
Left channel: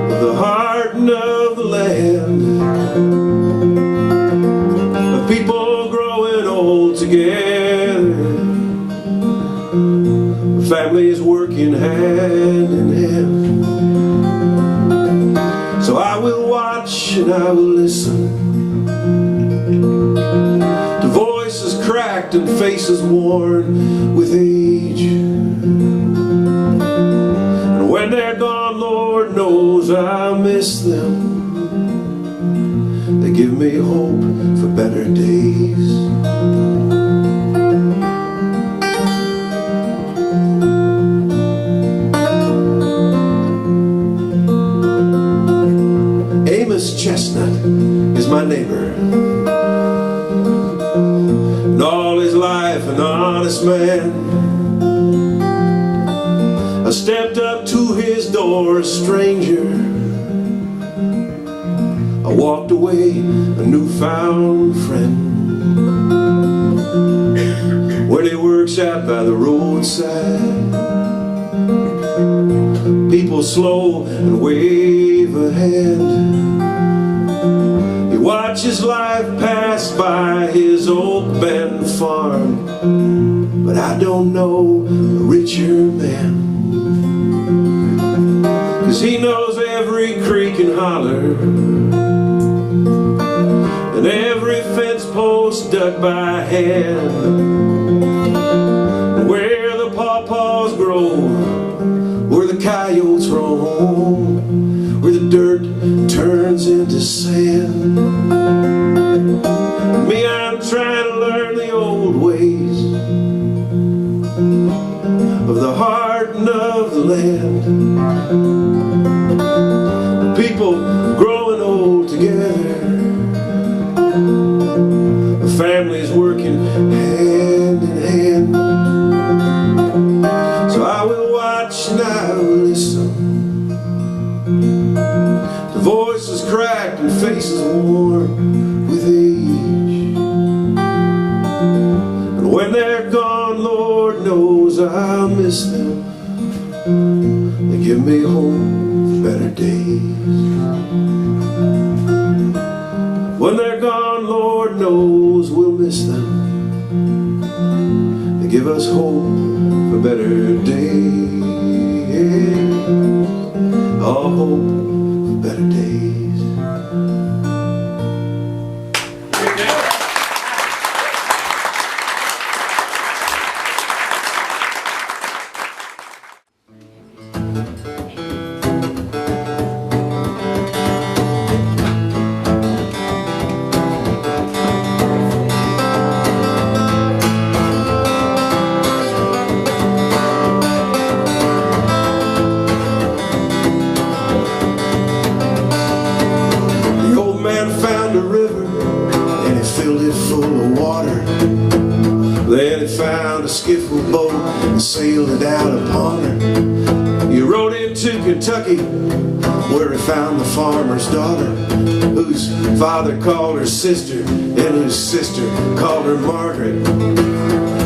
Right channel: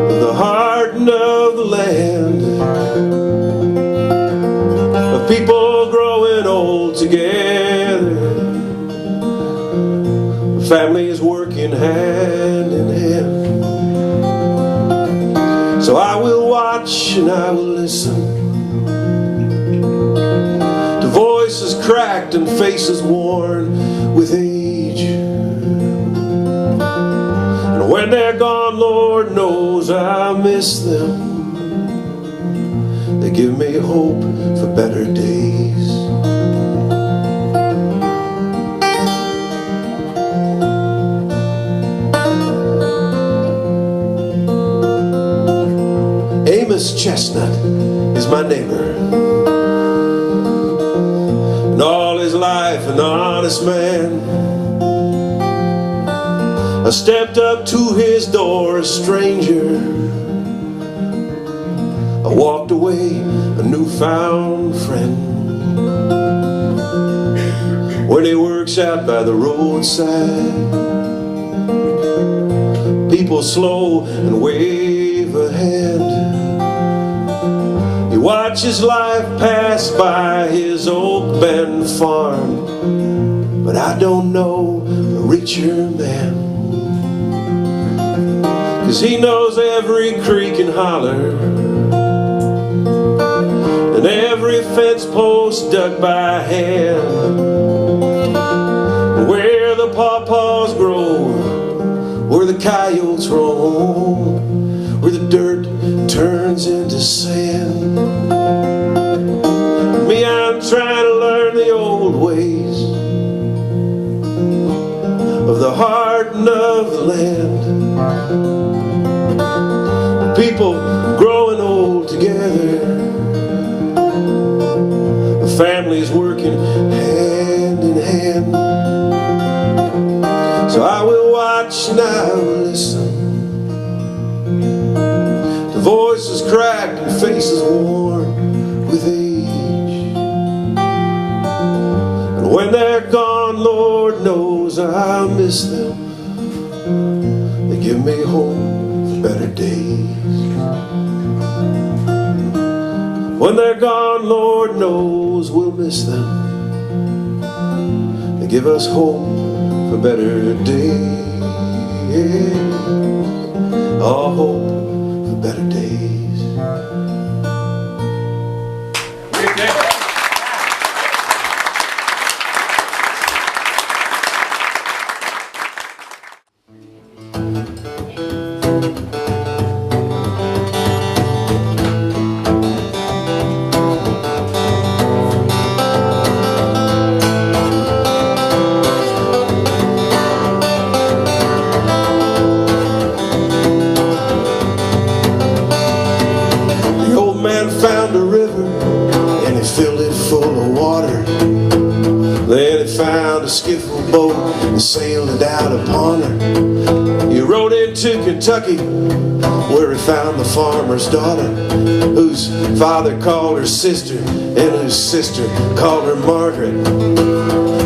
of the heart and of the land, of people growing old together, families working hand in hand. So I will watch and I will listen to voices cracked and faces worn with age. And when they're gone, Lord knows I miss them. They give me hope for better days. Amos Chestnut is my neighbor, and all his life an honest man. stepped up to his door a stranger. I walked away a newfound friend. When he works out by the roadside, people slow and wave a hand. He watches life pass by his old bend farm, but I don't know a richer man, 'cause he knows every creek and holler and every fence post dug by hand. Where the pawpaws grow, where the coyotes roam, where the dirt turns into sand. Me, I'm trying to learn the old ways of the heart and of the land. People growing old together, families working hand in hand. So I will watch and I will listen to voices cracked and faces worn with age. And when they're gone, Lord knows I'll miss them. They give me hope for better days. When they're gone, Lord knows we'll miss them. They give us hope for better days. All hope for better days. Found a river and he filled it full of water. Then he found a skiffle boat and sailed it out upon her. He rode into Kentucky where he found the farmer's daughter, whose father called her sister and whose sister called her Margaret.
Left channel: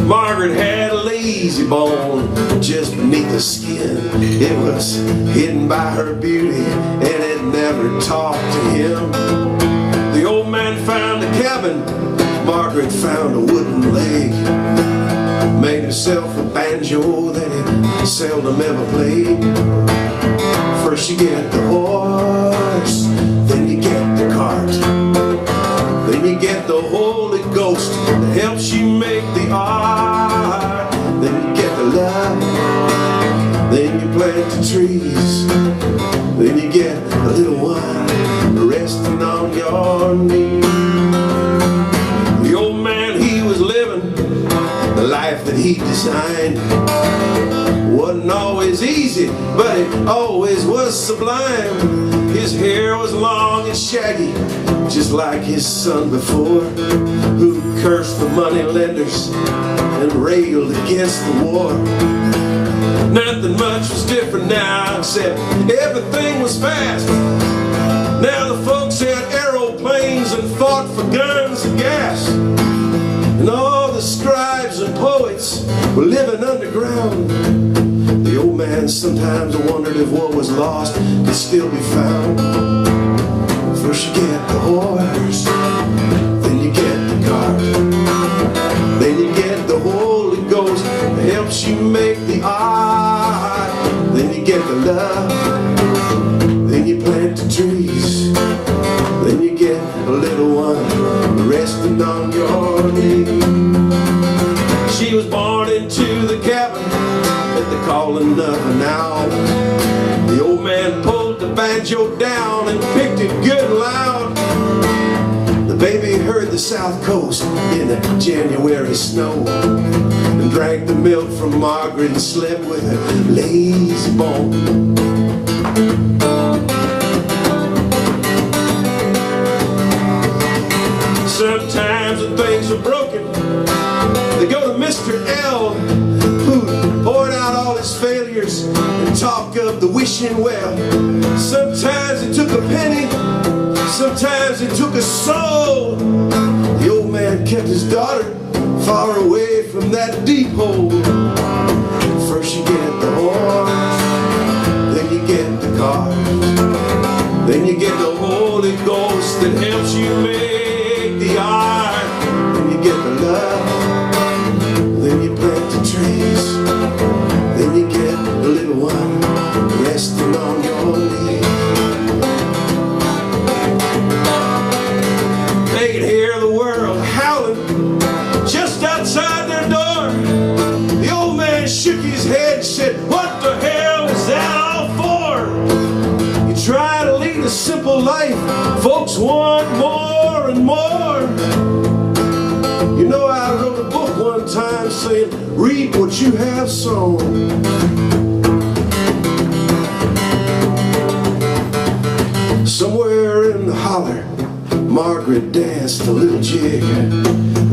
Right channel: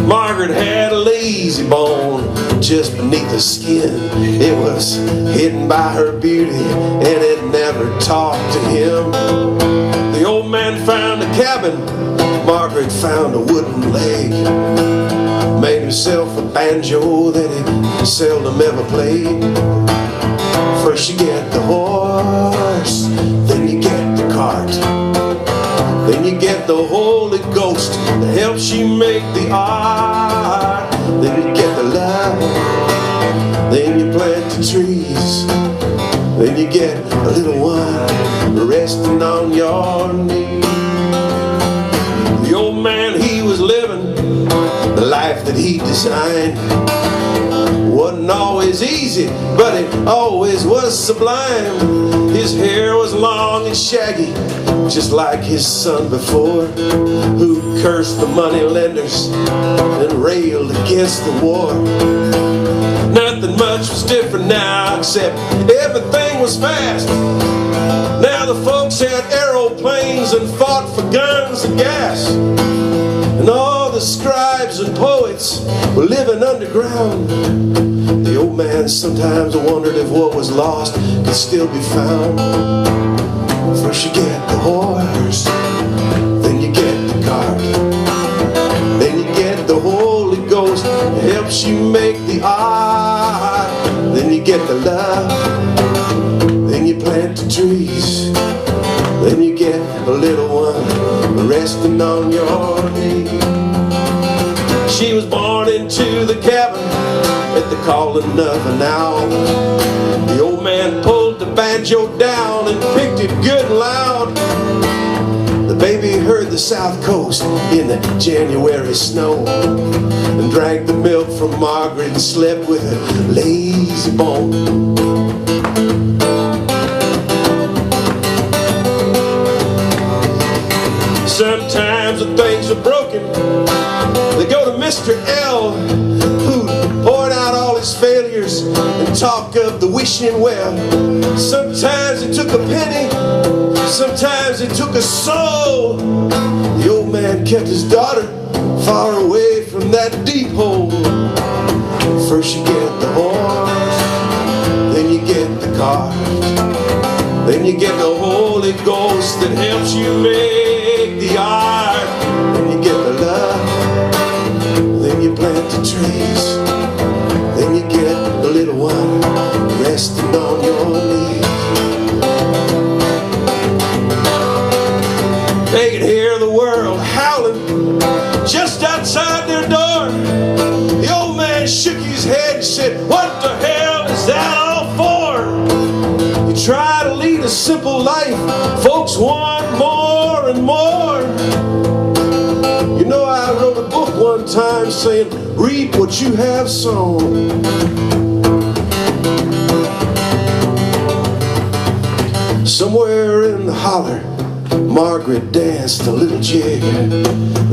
Margaret had a lazy bone just beneath the skin. It was hidden by her beauty and it never talked to him. The old man found a cabin, Margaret found a wooden leg. Made himself a banjo that he seldom ever played. First you get the horse, then you get the cart, then you get the Holy Ghost that helps you make the art. Then you get the love, then you plant the trees, then you get a little one resting on your knee. The old man, he was living the life that he designed. Wasn't always easy, but it always was sublime. His hair was long and shaggy, just like his son before, who cursed the money lenders and railed against the war. Nothing much was different now, except everything was fast. Now the folks had aeroplanes and fought for guns and gas. And all the scribes and poets were living underground. The old man sometimes wondered if what was lost could still be found. First you get the horse, then you get the cart, then you get the Holy Ghost that helps you make the art. Then you get the love, then you plant the trees, then you get a little one resting on your knee. She was born into the cabin at the calling of an owl. The old man pulled the banjo down and picked it good and loud. The baby heard the South Coast in the January snow, and drank the milk from Margaret and slept with a lazy bone. Sometimes when things are broken, they go to Mr. L, who poured out all his failures and talk of the wishing well. Sometimes it took a penny, sometimes it took a soul. The old man kept his daughter far away from that deep hole. First you get the horse, then you get the cart, then you get the Holy Ghost that helps you make the art. Then you get the love, then you plant the trees, then you get the little one resting on your knee. They can hear the world howling just outside their door. The old man shook his head and said, "What the hell is that all for?" You try to lead a simple life, folks want more and more. You know, I wrote a book one time saying, reap what you have sown. Somewhere in the holler, Margaret danced a little jig.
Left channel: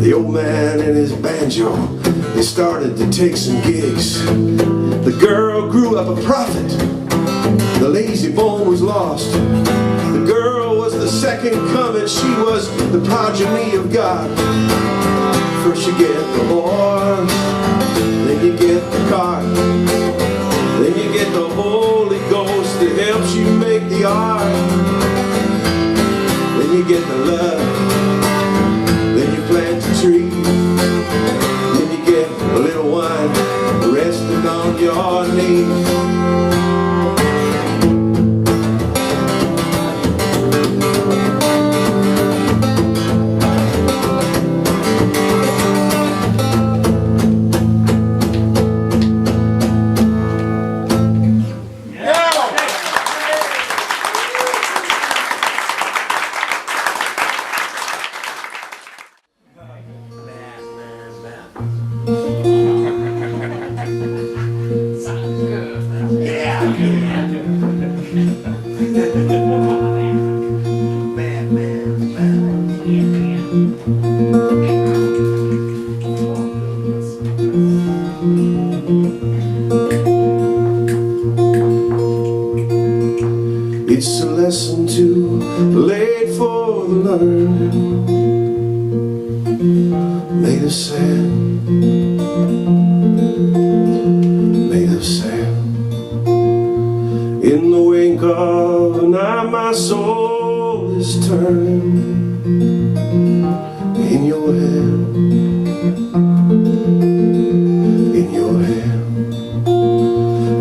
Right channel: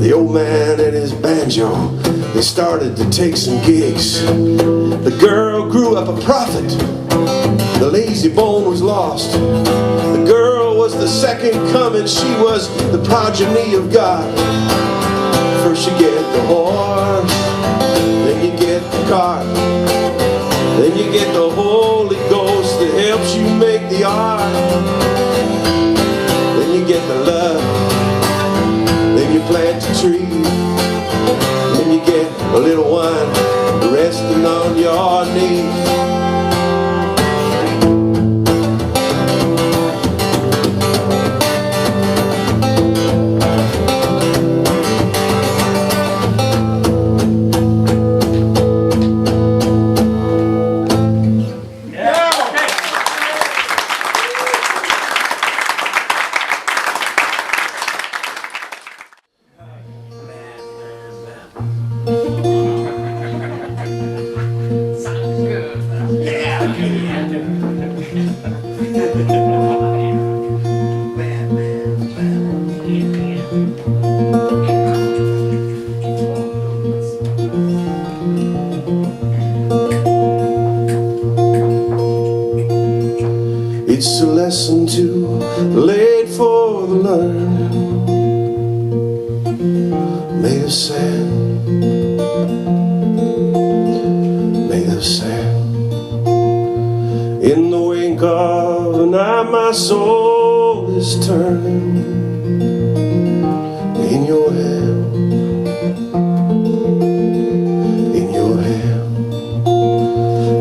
The old man and his banjo, they started to take some gigs. The girl grew up a prophet, the lazy bone was lost. The girl was the second coming, she was the progeny of God. First you get the horse, then you get the cart, then you get the Holy Ghost that helps you make the art. Then you get the love, then you plant the tree, then you get a little wine resting on your knee. It's a lesson too late for the learning, made of sand, made of sand. In the wink of an eye my soul is turning in your hand, in your hand.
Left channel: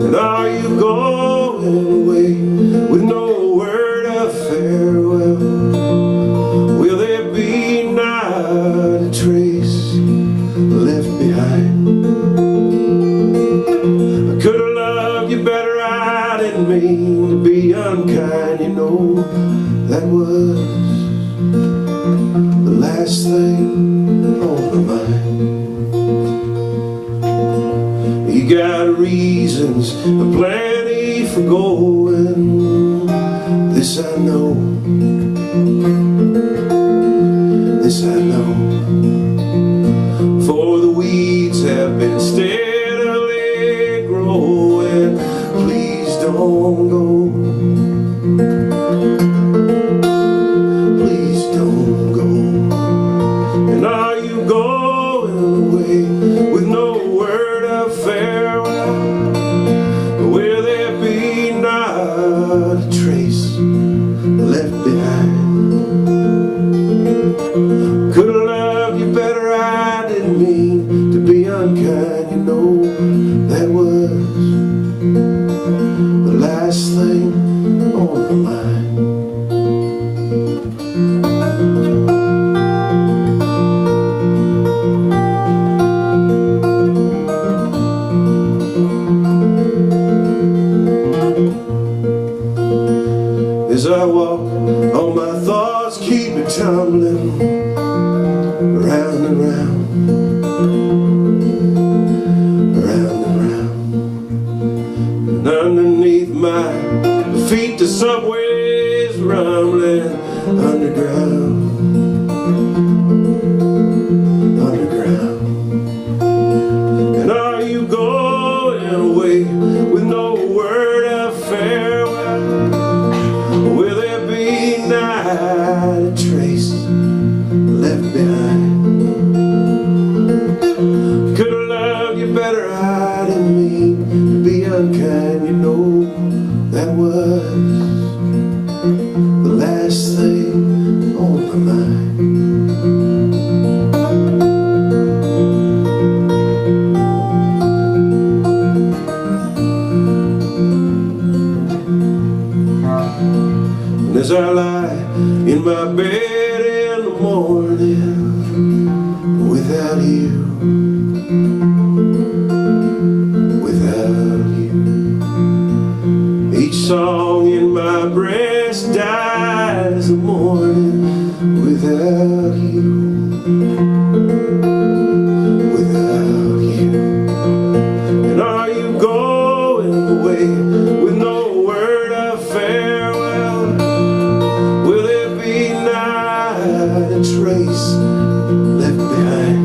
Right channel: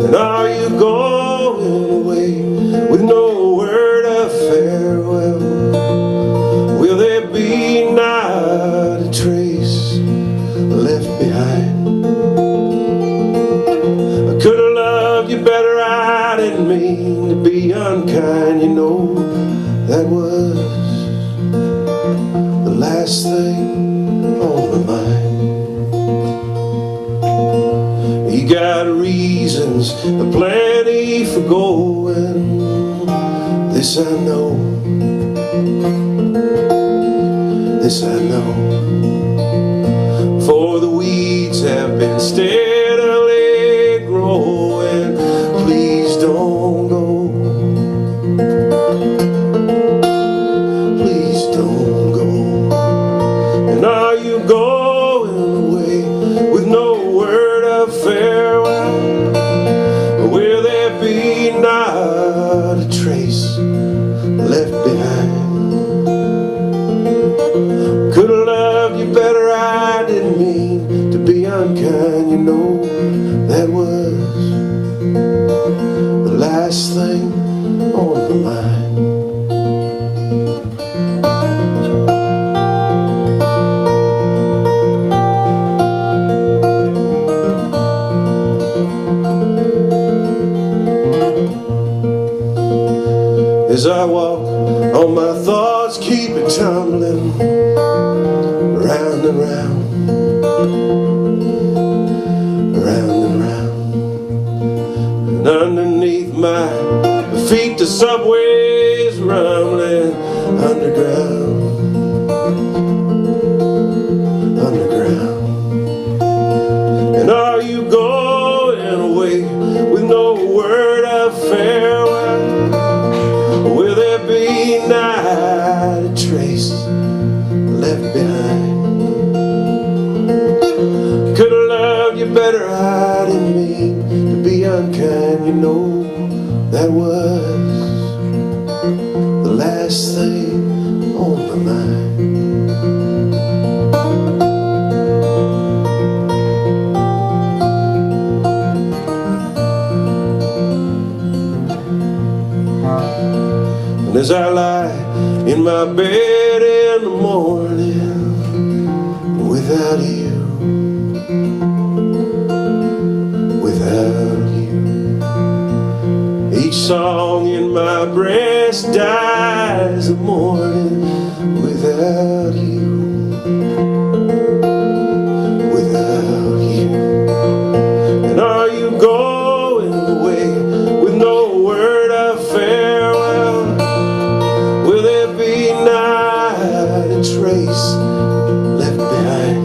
And are you going away with no word of farewell? Will there be not a trace left behind? I could have loved you better, I didn't mean to be unkind. You know, that was the last thing on my mind. You got reasons aplenty for going, this I know, this I know. For the weeds have been steadily growing. Please don't go, please don't go. And are you going away with no word of farewell? Will there be not a trace left behind? Could have loved you better, I didn't mean to be unkind. You know, that was the last thing on my mind. As I walk on, my thoughts keep it tumbling round and round, round and round. And underneath my feet the subway's rumbling underground, underground. And are you going away with no word I didn't mean to be unkind. You know that was the last thing on my mind. And as I lie in my bed in the morning without you, without you, each song in my breast dies the morning without you, without you. And are you going away with no word of farewell? Will there be not a trace left behind?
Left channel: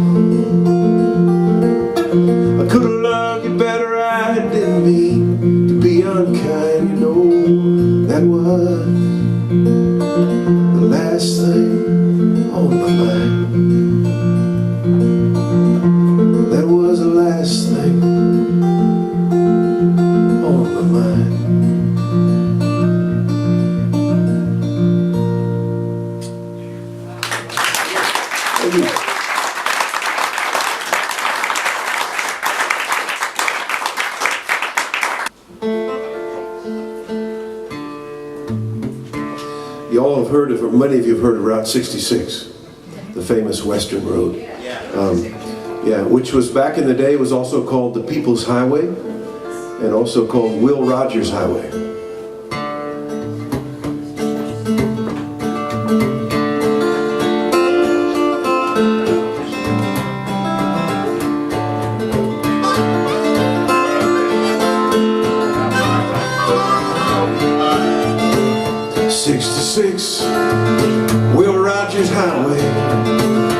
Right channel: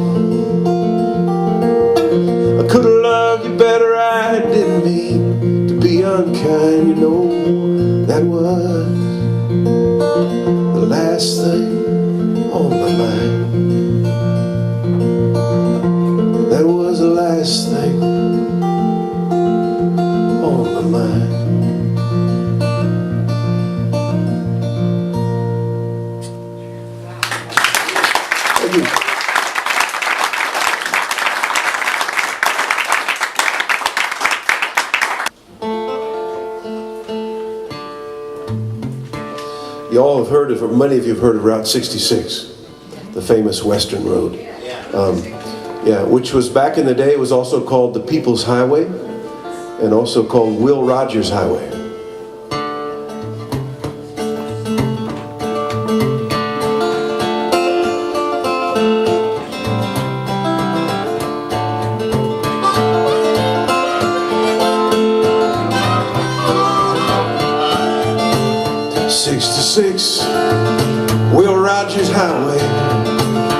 I could have loved you better, I didn't mean to be unkind. You know that was the last thing on my mind. That was the last thing on my mind. You all have heard of, or many of you have heard of Route 66, the famous Western Road. Yeah, which was back in the day was also called the People's Highway and also called Will Rogers Highway. '66, Will Rogers Highway,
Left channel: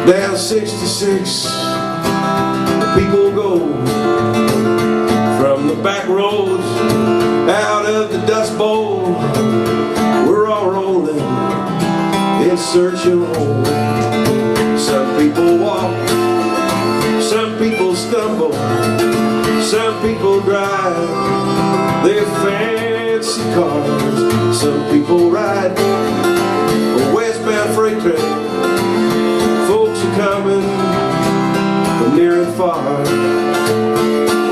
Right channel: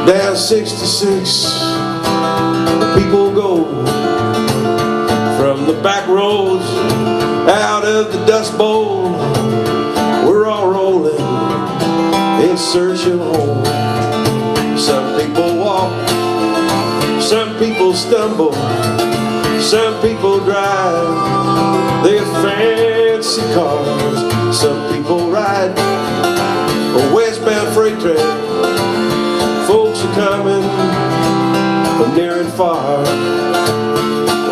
down 66, people go from the back roads out of the Dust Bowl. We're all rolling in search of home. Some people walk, some people stumble, some people drive their fancy cars. Some people ride a westbound freight train. Folks are coming from near and far.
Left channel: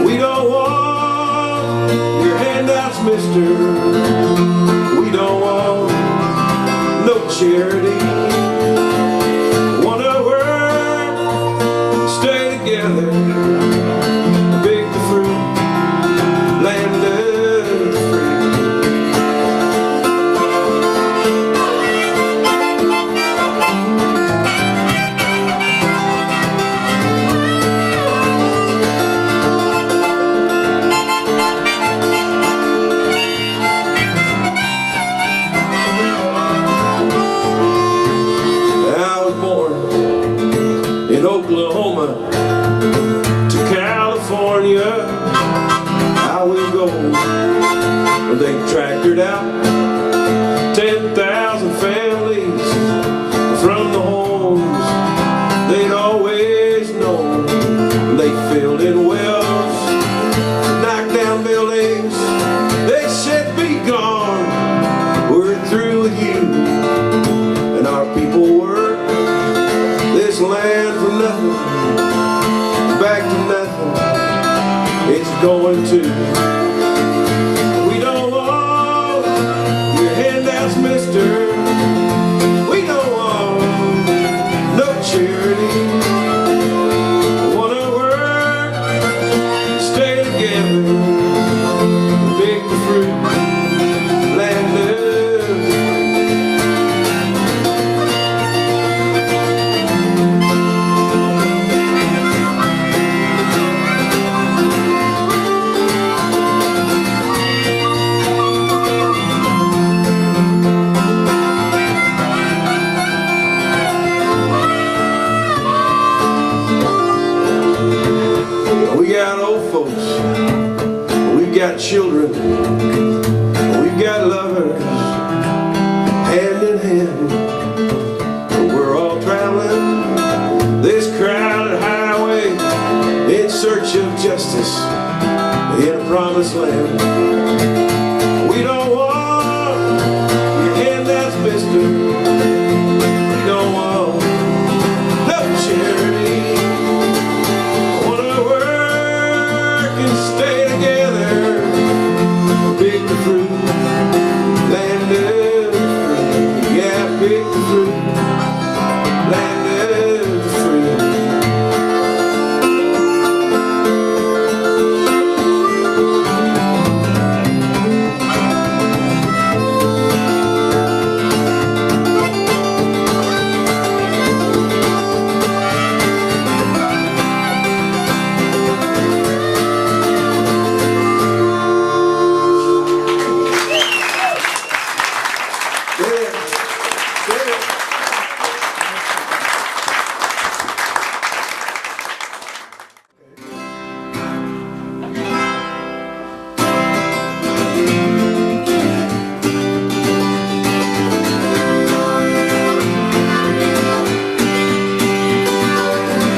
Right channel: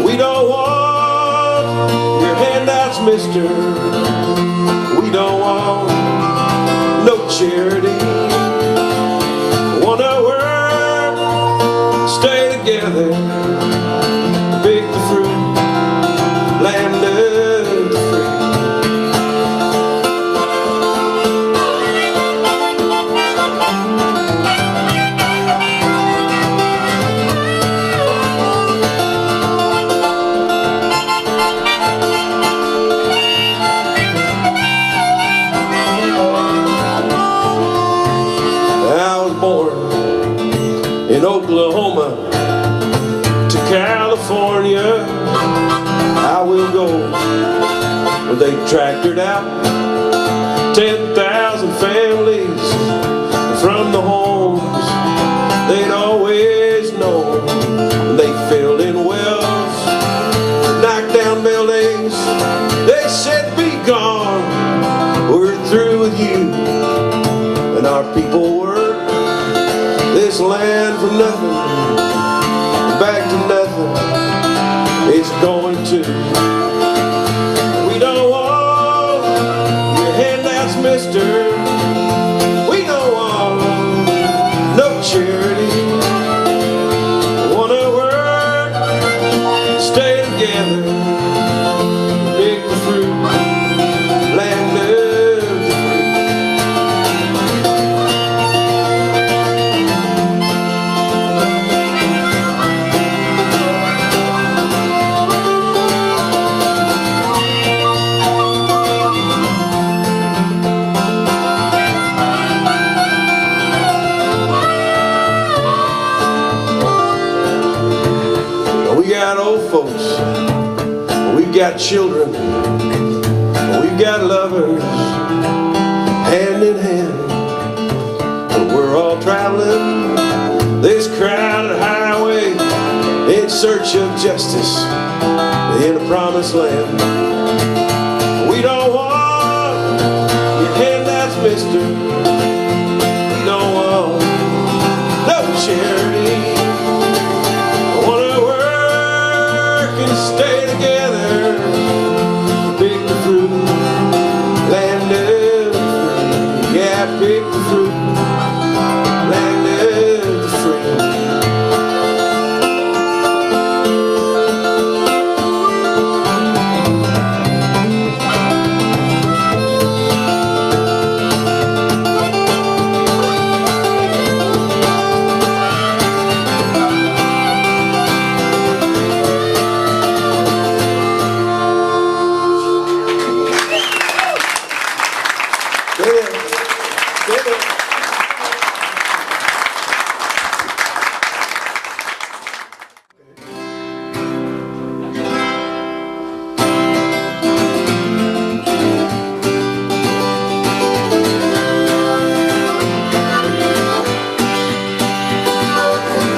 We don't want your handouts, mister. We don't want no charity. Wanna work, stay together, pick the fruit, land of the free. Oklahoma to California, I will go. They tractored out 10,000 families from the homes they'd always known. They filled in wells, knocked down buildings. They said, be gone, we're through with you. And our people were this land for nothing, back to nothing, it's going to. We don't want your handouts, mister. We don't want no charity. Wanna work, stay together, pick the fruit, land of the We got old folks, we've got children, we've got lovers, hand in hand. We're all traveling this crowded highway in search of justice. promised land. We don't want your handouts, mister. We don't want no charity. I wanna work and stay together. Pick the fruit, land of the free. Yeah, pick the fruit, land of the free.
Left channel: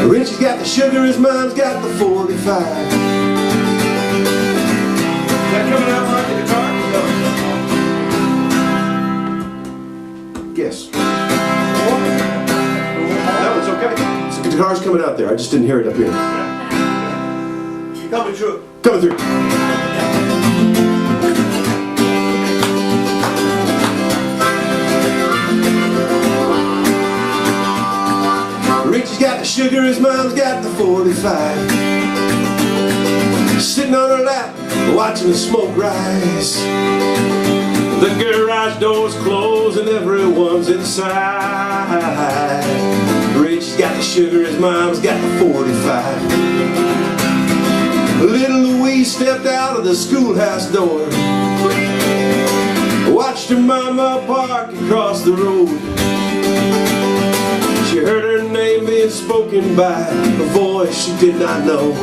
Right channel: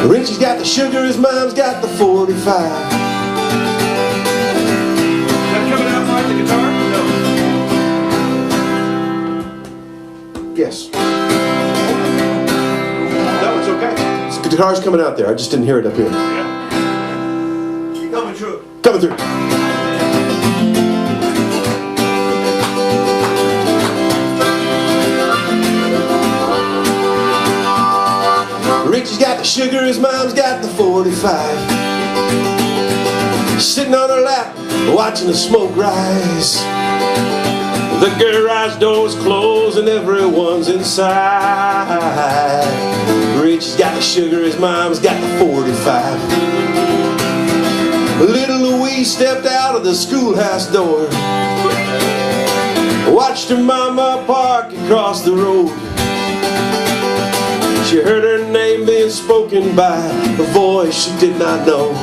Richie's got the sugar, his mom's got the 45. Is that coming out like the guitar? No. Yes. No, it's okay. The guitar's coming out there. I just didn't hear it up here. Yeah. Coming through. Coming through. Richie's got the sugar, his mom's got the 45. Sitting on her lap, watching the smoke rise. The garage door's closed and everyone's inside. Richie's got the sugar, his mom's got the 45. Little Louise stepped out of the schoolhouse door, watched her mama park across the road. She heard her name being spoken by a voice she did not know.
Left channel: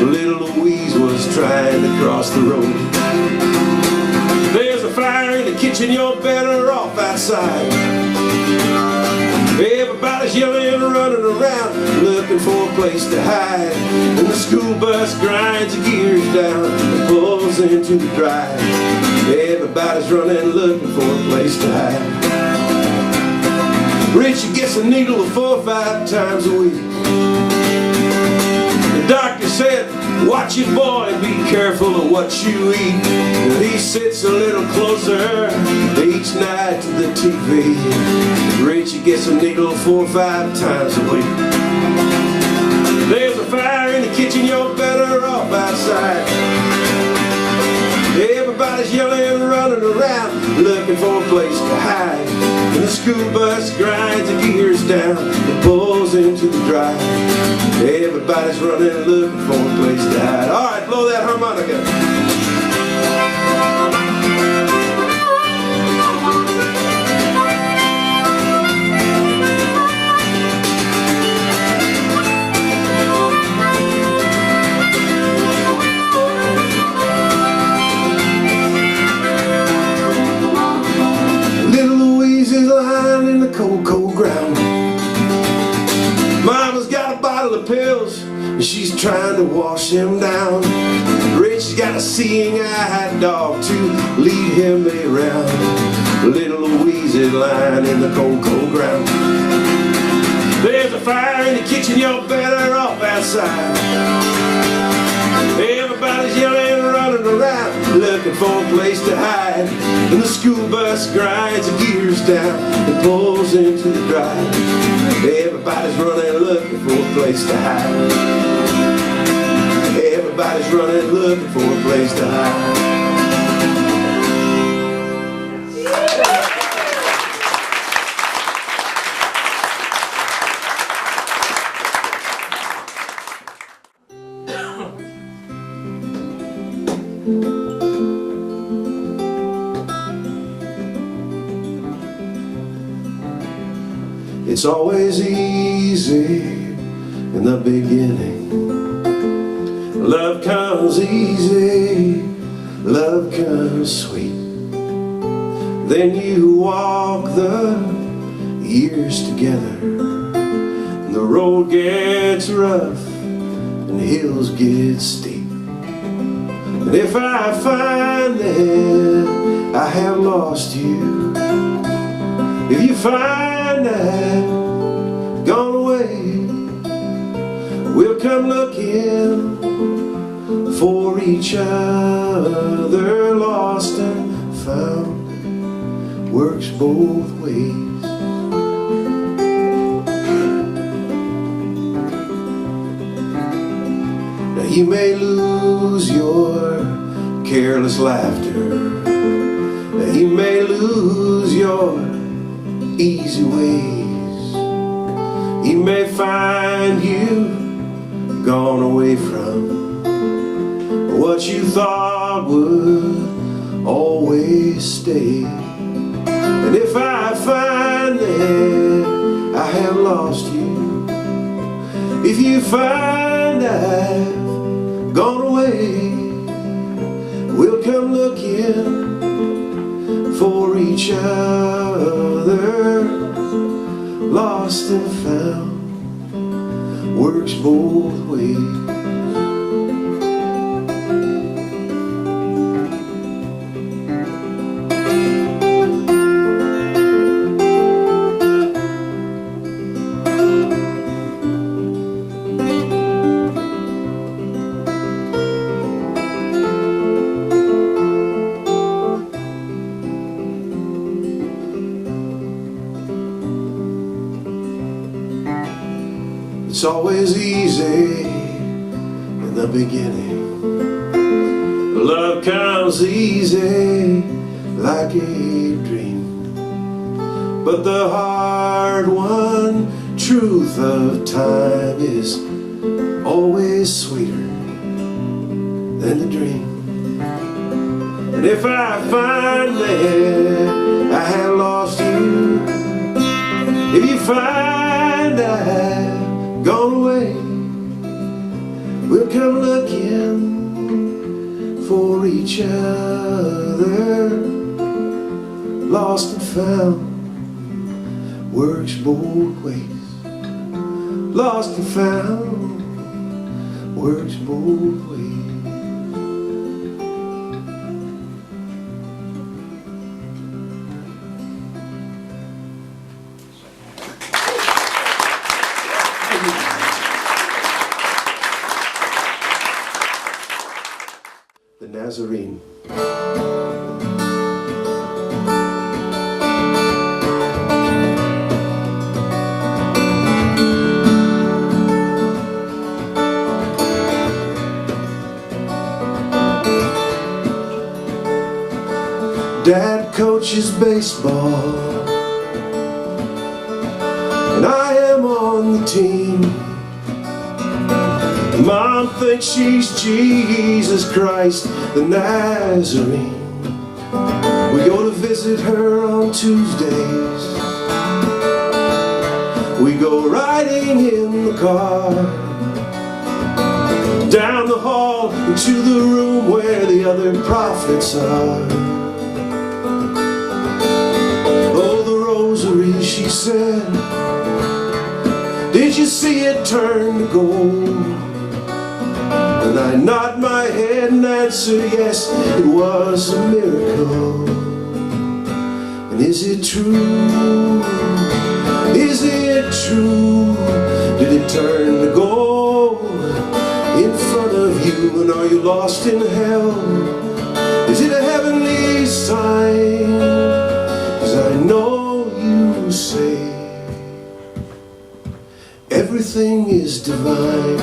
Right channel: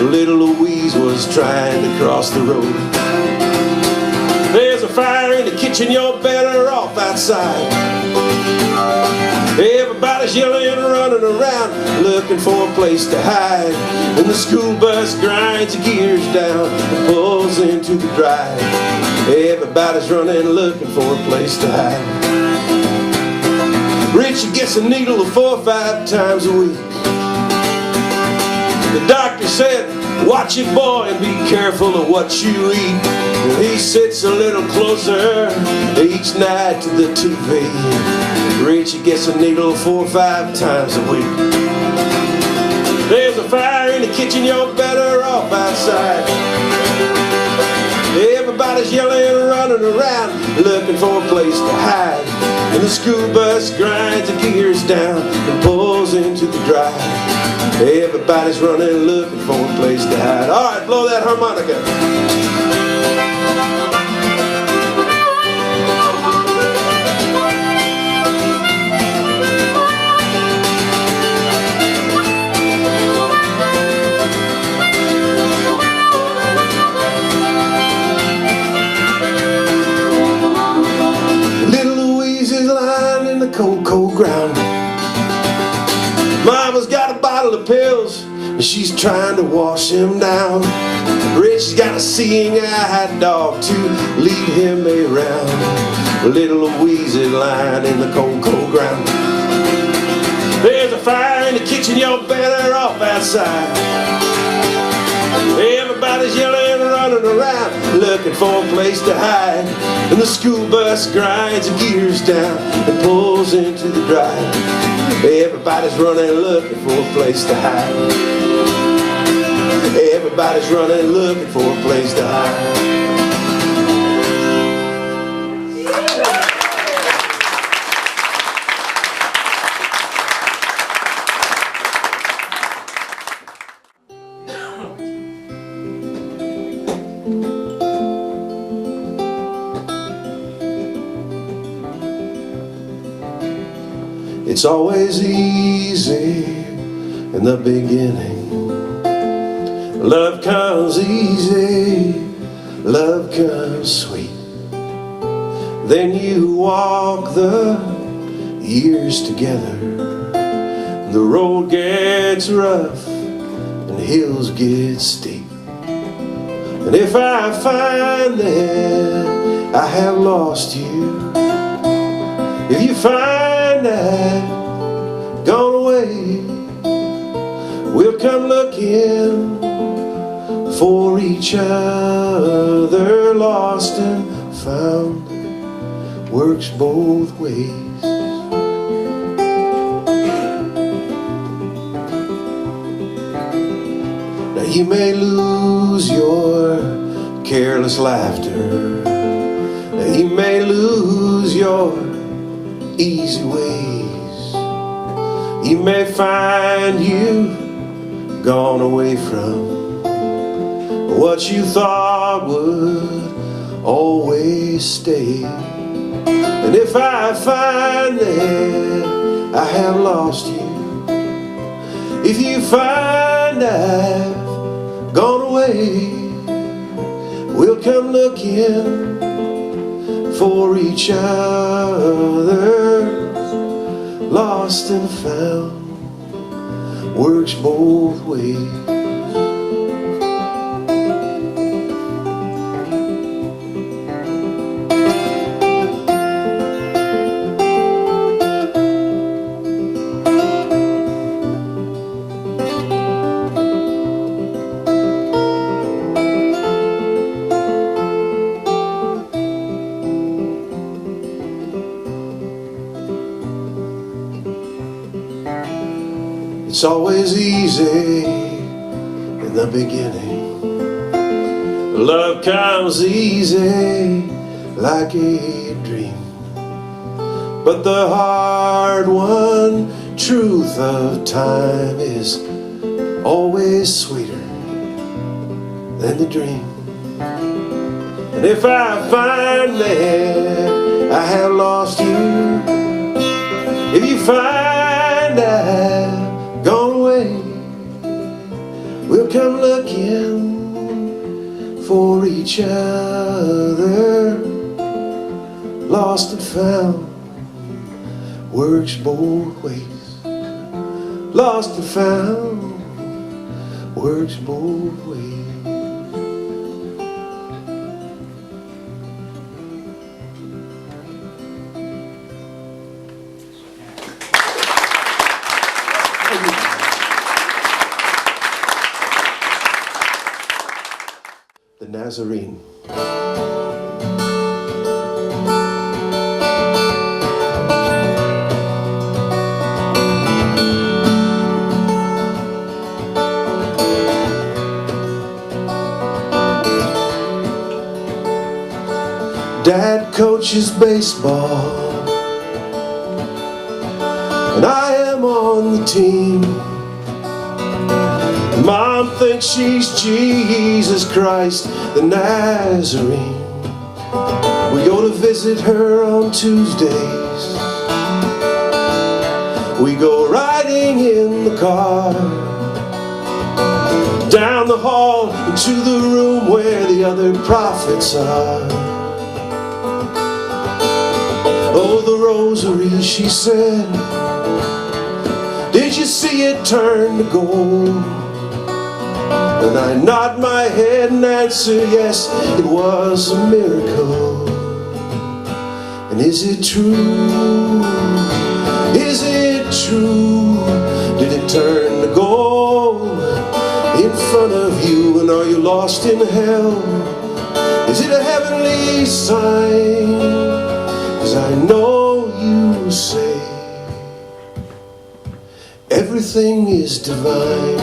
Little Louise was trying to cross the road. There's a fire in the kitchen, you're better off outside. Everybody's yelling and running around, looking for a place to hide. And the school bus grinds the gears down and pulls into the drive. Everybody's running, looking for a place to hide. Richie gets a needle 4 or 5 times a week. The doctor said, watch it, boy, and be careful of what you eat. And he sits a little closer each night to the TV. Richie gets a needle 4 or 5 times a week. There's a fire in the kitchen, you're better off outside. Everybody's yelling and running around, looking for a place to hide. And the school bus grinds the gears down and pulls into the drive. Everybody's running, looking for a place to hide. All right, blow that harmonica. Cold, cold ground. Mama's got a bottle of pills and she's trying to wash him down. Richie's got a seeing-eyed dog to lead him around. Little Louise is lying in the cold, cold ground. There's a fire in the kitchen, you're better off outside. Everybody's yelling and running around, looking for a place to hide. And the school bus grinds the gears down and pulls into the drive. Everybody's running, looking for a place to hide. Everybody's running, looking for a place to hide. It's always easy in the beginning. Love comes easy, love comes sweet. Then you walk the years together. The road gets rough and hills get steep. And if I find that I have lost you, if you find I've gone away, we'll come looking for each other. Lost and found works both ways. Now you may lose your careless laughter, now you may lose your easy ways, you may find you gone away from what you thought would always stay. And if I find that I have lost you, if you find I've gone away, we'll come looking for each other. Lost and found works both ways. It's always easy in the beginning. Love comes easy like a dream, but the hard-won truth of time is always sweeter than the dream. And if I find that I have lost you, if you find I've gone away, we'll come looking for each other. Lost and found works both ways. Lost and found works both ways. The Nazarene. Dad coaches baseball, and I am on the team. Mom thinks she's Jesus Christ, the Nazarene. We go to visit her on Tuesdays. We go riding in the car, down the hall into the room where the other prophets are. Oh, the rosary, she said, did you see it turn to gold? And I nod my head and answer, yes, it was a miracle. And is it true? Is it true? Did it turn to gold in front of you? And are you lost in hell? Is it a heavenly sign? 'Cause I know you say everything is divine.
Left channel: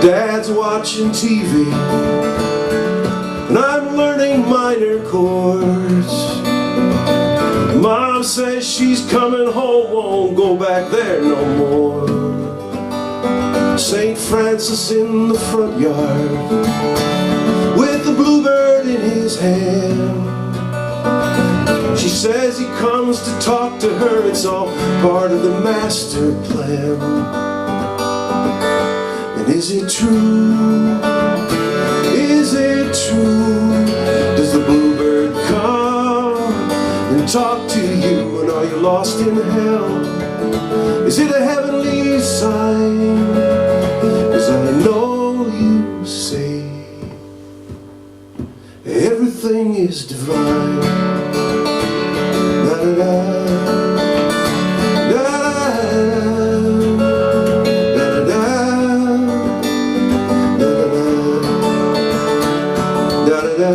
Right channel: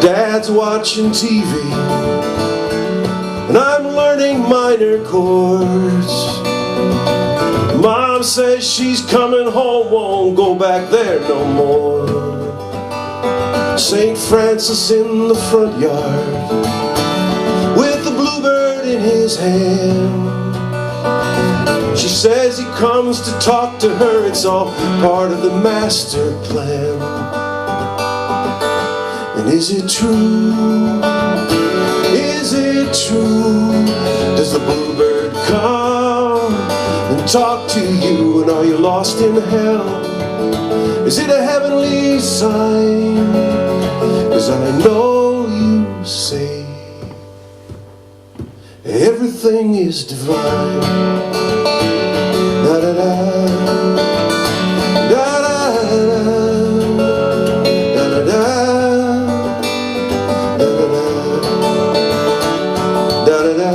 Dad's watching TV, and I'm learning minor chords. Mom says she's coming home, won't go back there no more. St. Francis in the front yard, with the bluebird in his hand. She says he comes to talk to her, it's all part of the master plan. And is it true? Is it true? Does the bluebird come and talk to you, and are you lost in hell? Is it a heavenly sign? 'Cause I know you say everything is divine. Da da da, da da da, da da da, da da da.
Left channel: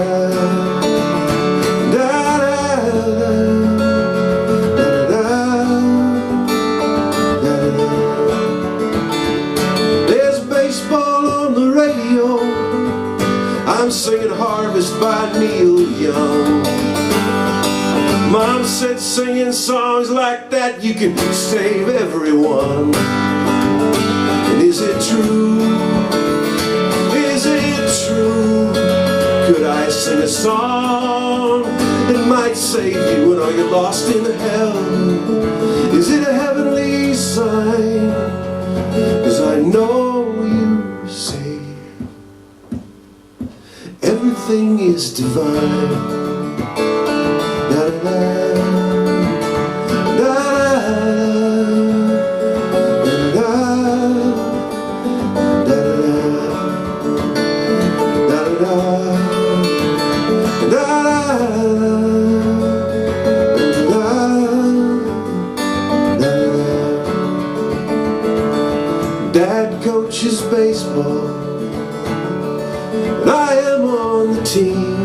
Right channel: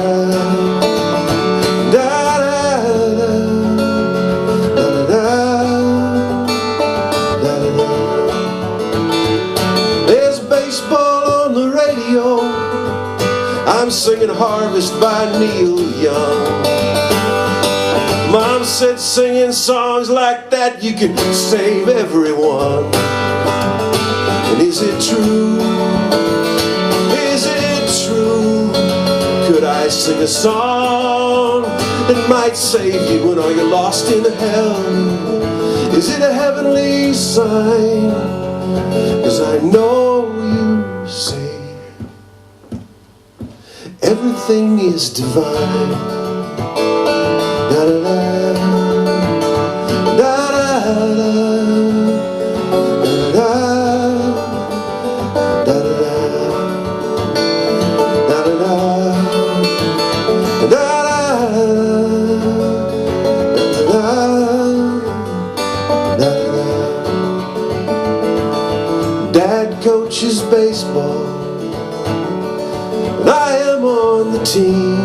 I'm singing Harvest by Neil Young. Mom said singing songs like that you can save everyone. And is it true? Is it true? Could I sing a song that might save you when are you lost in hell? Is it a heavenly sign? 'Cause I know you say everything is divine. Da da da, da da da, da da da, da da da, da da da, Dad coaches baseball, and I am on the team.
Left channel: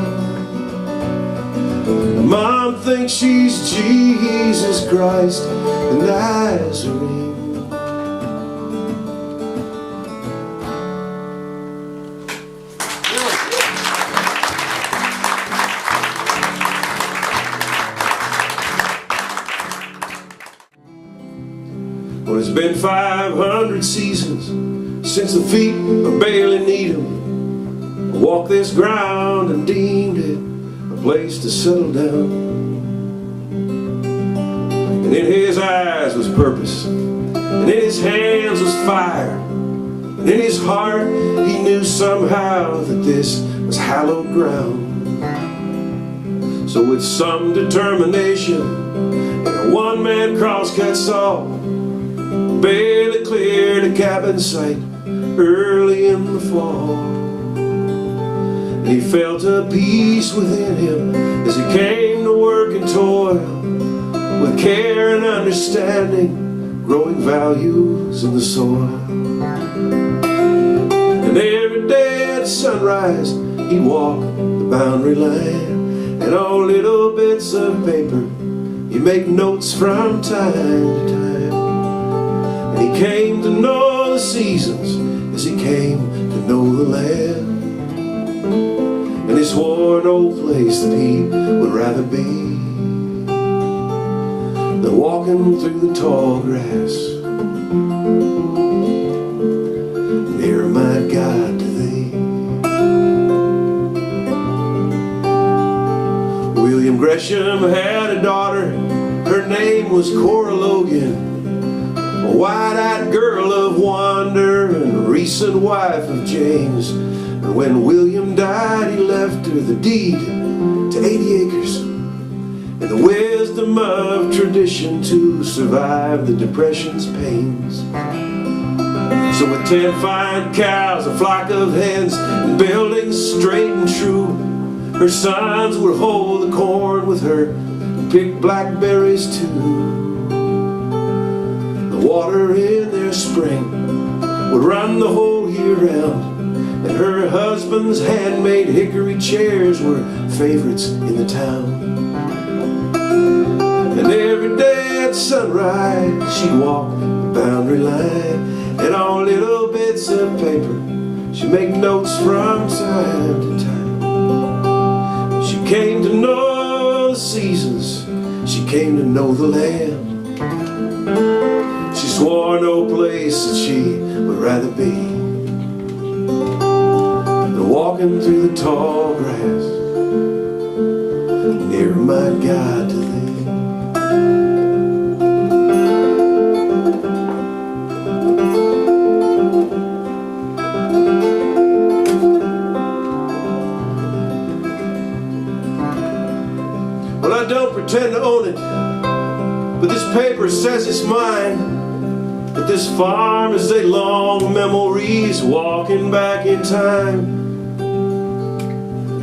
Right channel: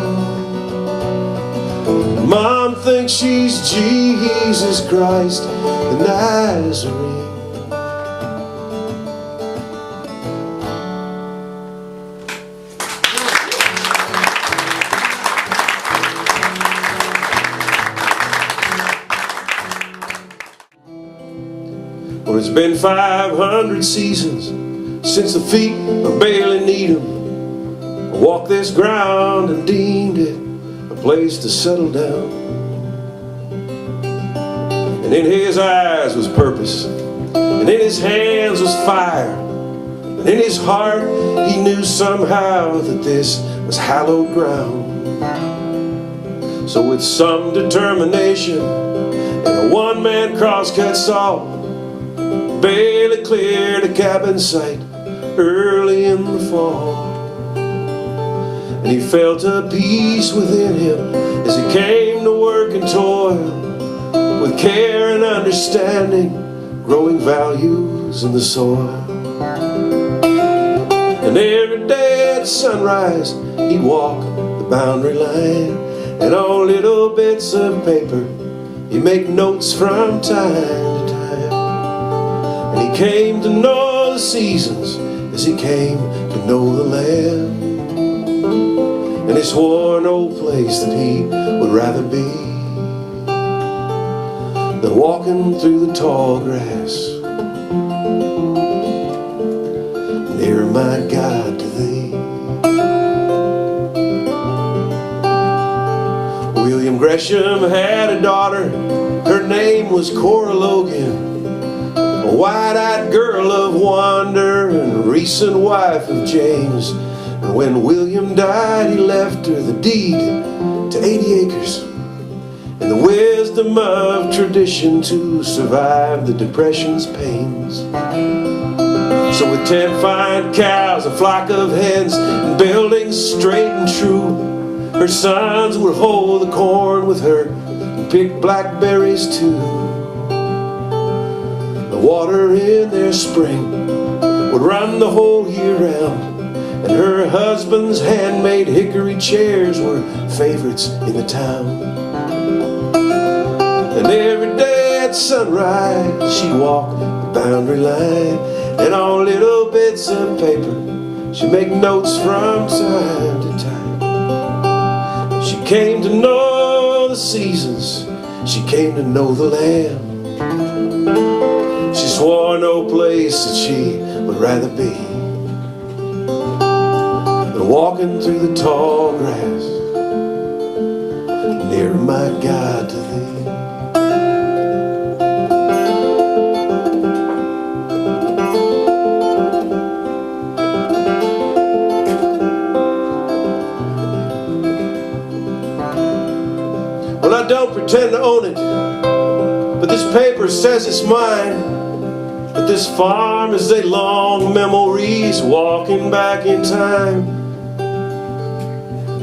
Mom thinks she's Jesus Christ, the Nazarene. Well, it's been 500 seasons since the feet of Bailey Needham walked this ground and deemed it a place to settle down. And in his eyes was purpose, and in his hands was fire, and in his heart he knew somehow that this was hallowed ground. So with some determination and a one-man crosscut saw, Bailey cleared a cabin site early in the fall. And he felt a peace within him as he came to work and toil, with care and understanding, growing values in the soil. And every day at sunrise he'd walk the boundary line, and on little bits of paper he'd make notes from time to time. And he came to know the seasons as he came to know the land. And he swore no place that he would rather be than walking through the tall grass near my God to thee. William Gresham had a daughter, her name was Cora Logan, a wide-eyed girl of wonder and recent wife of James. And when William died, he left her the deed to 80 acres and the wisdom of tradition to survive the Depression's pains. So with 10 fine cows, a flock of hens, and buildings straight and true, her sons would hoe the corn with her and pick blackberries too. The water in their spring would run the whole year round, and her husband's handmade hickory chairs were favorites in the town. And every day at sunrise she'd walk the boundary line, and on little bits of paper she'd make notes from time to time. She came to know the seasons, she came to know the land. She swore no place that she would rather be than walking through the tall grass near my God to thee. Well, I don't pretend to own but this paper says it's mine. But this farm is a long memories, walking back in time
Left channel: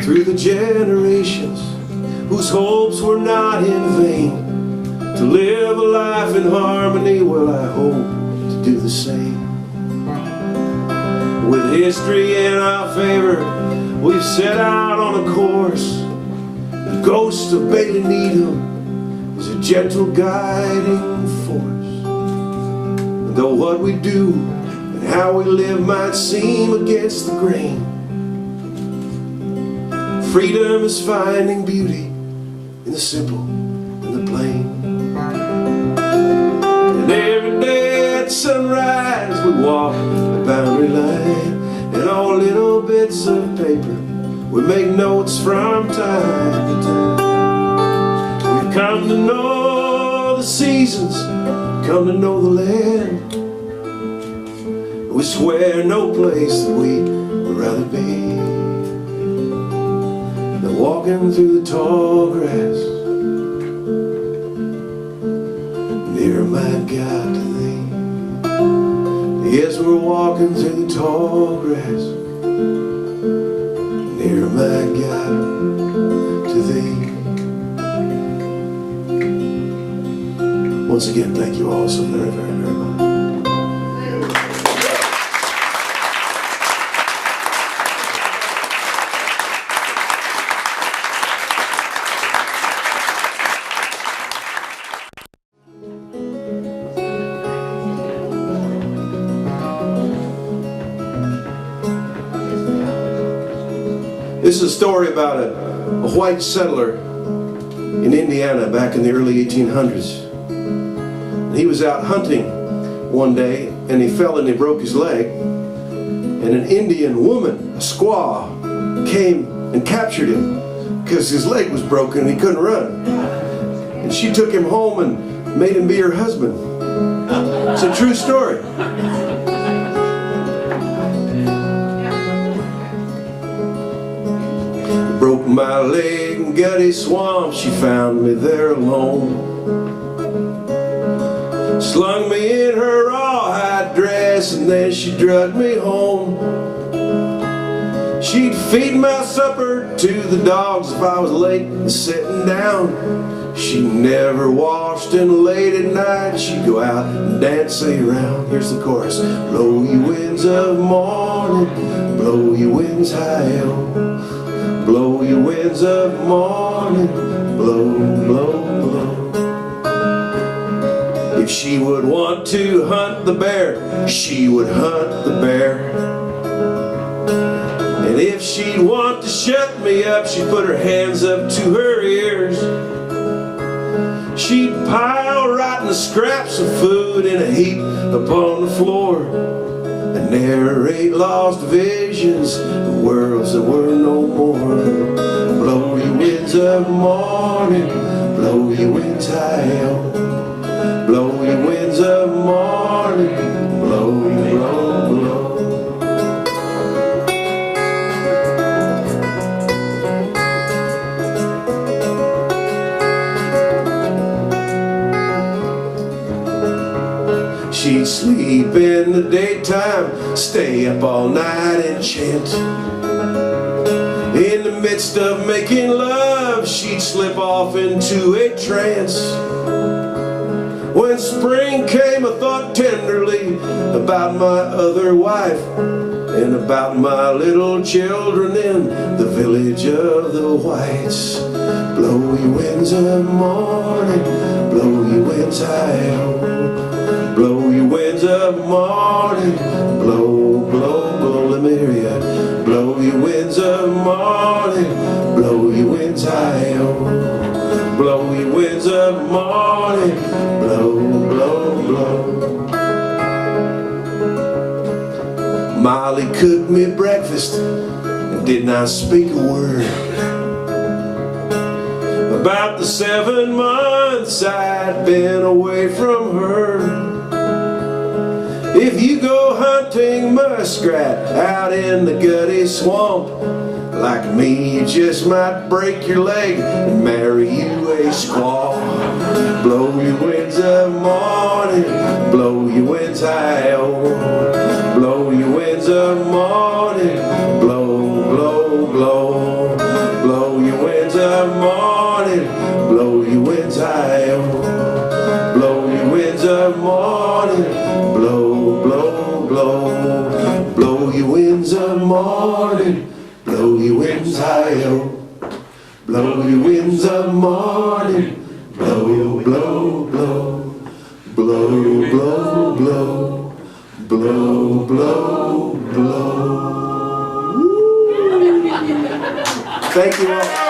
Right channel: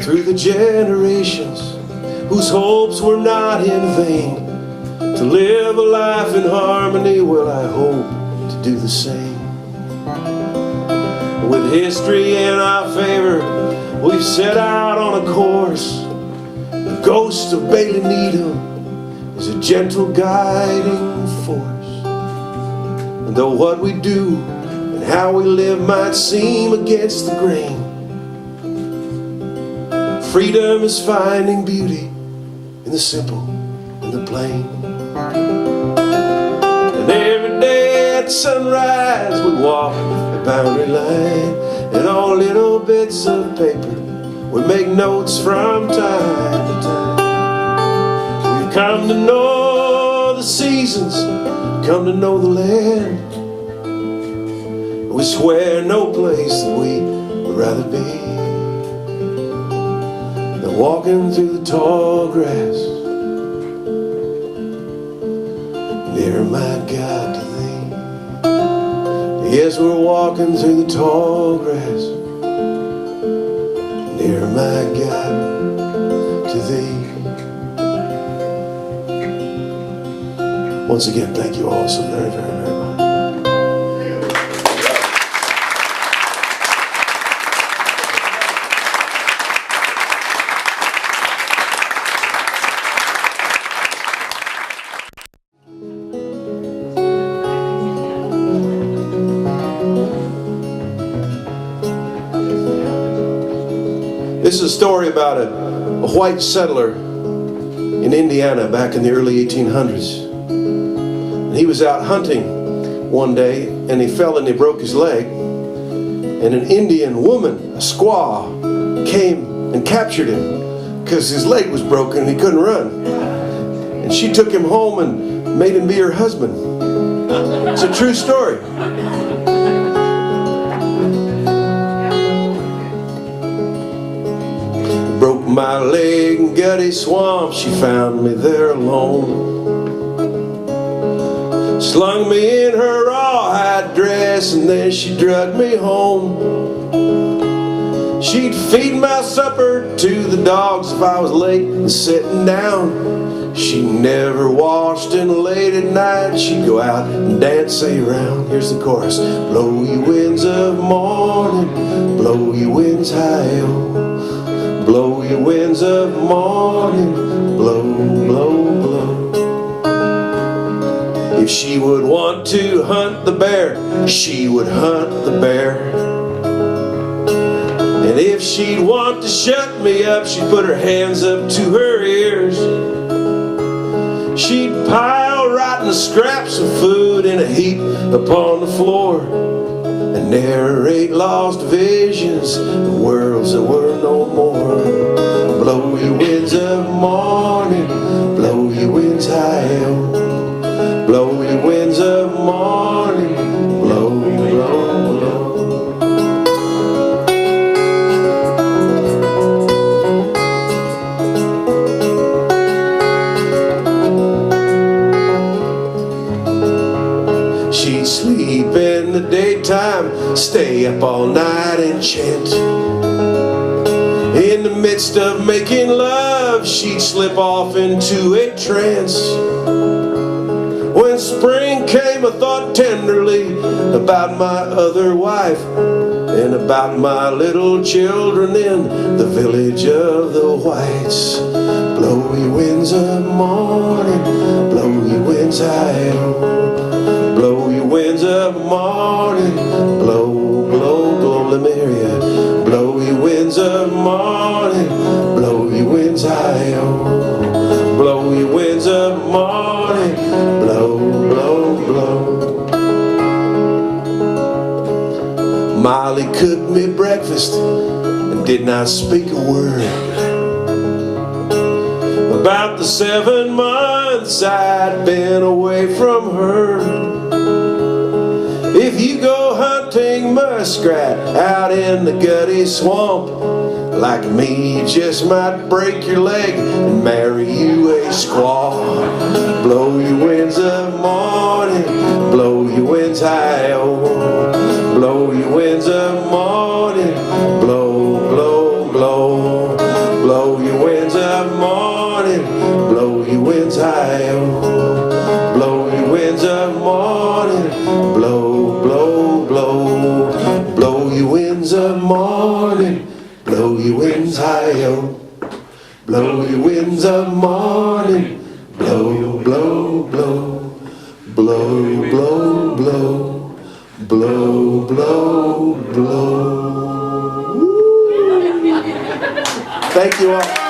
through the generations whose hopes were not in vain. To live a life in harmony, well, I hope to do the same. With history in our favor, we've set out on a course. The ghost of Bailey Needham is a gentle guiding force. And though what we do and how we live might seem against the grain, freedom is finding beauty in the simple and the plain. And every day at sunrise we walk the boundary line, and on little bits of paper we make notes from time to time. We've come to know the seasons, come to know the land. We swear no place that we would rather be than walking through the tall grass, near my God to thee. Yes, we're walking through the tall grass, near my God to thee. Once again, thank you all so very, very, very much. This is a story about a white settler in Indiana back in the early 1800s. And he was out hunting one day and he fell and he broke his leg. And an Indian woman, a squaw, came and captured him because his leg was broken and he couldn't run. And she took him home and made him be her husband. It's a true story. Broke my leg in Gutty Swamp, she found me there alone. Slung me in her rawhide dress and then she dragged me home. She'd feed my supper to the dogs if I was late and sitting down. She never washed, and late at night she'd go out and dance around. Here's the chorus. Blow you winds of morning, blow you winds high on. Blow you winds of morning, blow, blow, blow. If she would want to hunt the bear, she would hunt the bear. And if she'd want to shut me up, she'd put her hands up to her ears. She'd pile rotten scraps of food in a heap upon the floor and narrate lost visions of worlds that were no more. Blow you winds of morning, blow you winds high on. Blow you winds of morning, blow, blow, blow. She'd sleep in the daytime, stay up all night and chant. In the midst of making love, she'd slip off into a trance. When spring came, I thought tenderly about my other wife and about my little children in the village of the whites. Blow you winds of morning, blow you winds high on. Blow you winds of morning, blow, blow, blow, let me hear ya. Blow you winds of morning, blow you winds high on. Blow you winds of morning, blow, blow, blow. Molly cooked me breakfast and did not speak a word about the 7 months I'd been away from her. If you go hunting muskrat out in the Gutty Swamp, like me, you just might break your leg and marry you a squaw. Blow your winds Blow your winds of morning. Blow, blow, blow. Blow, blow, blow. Blow, blow, blow. Thank you all.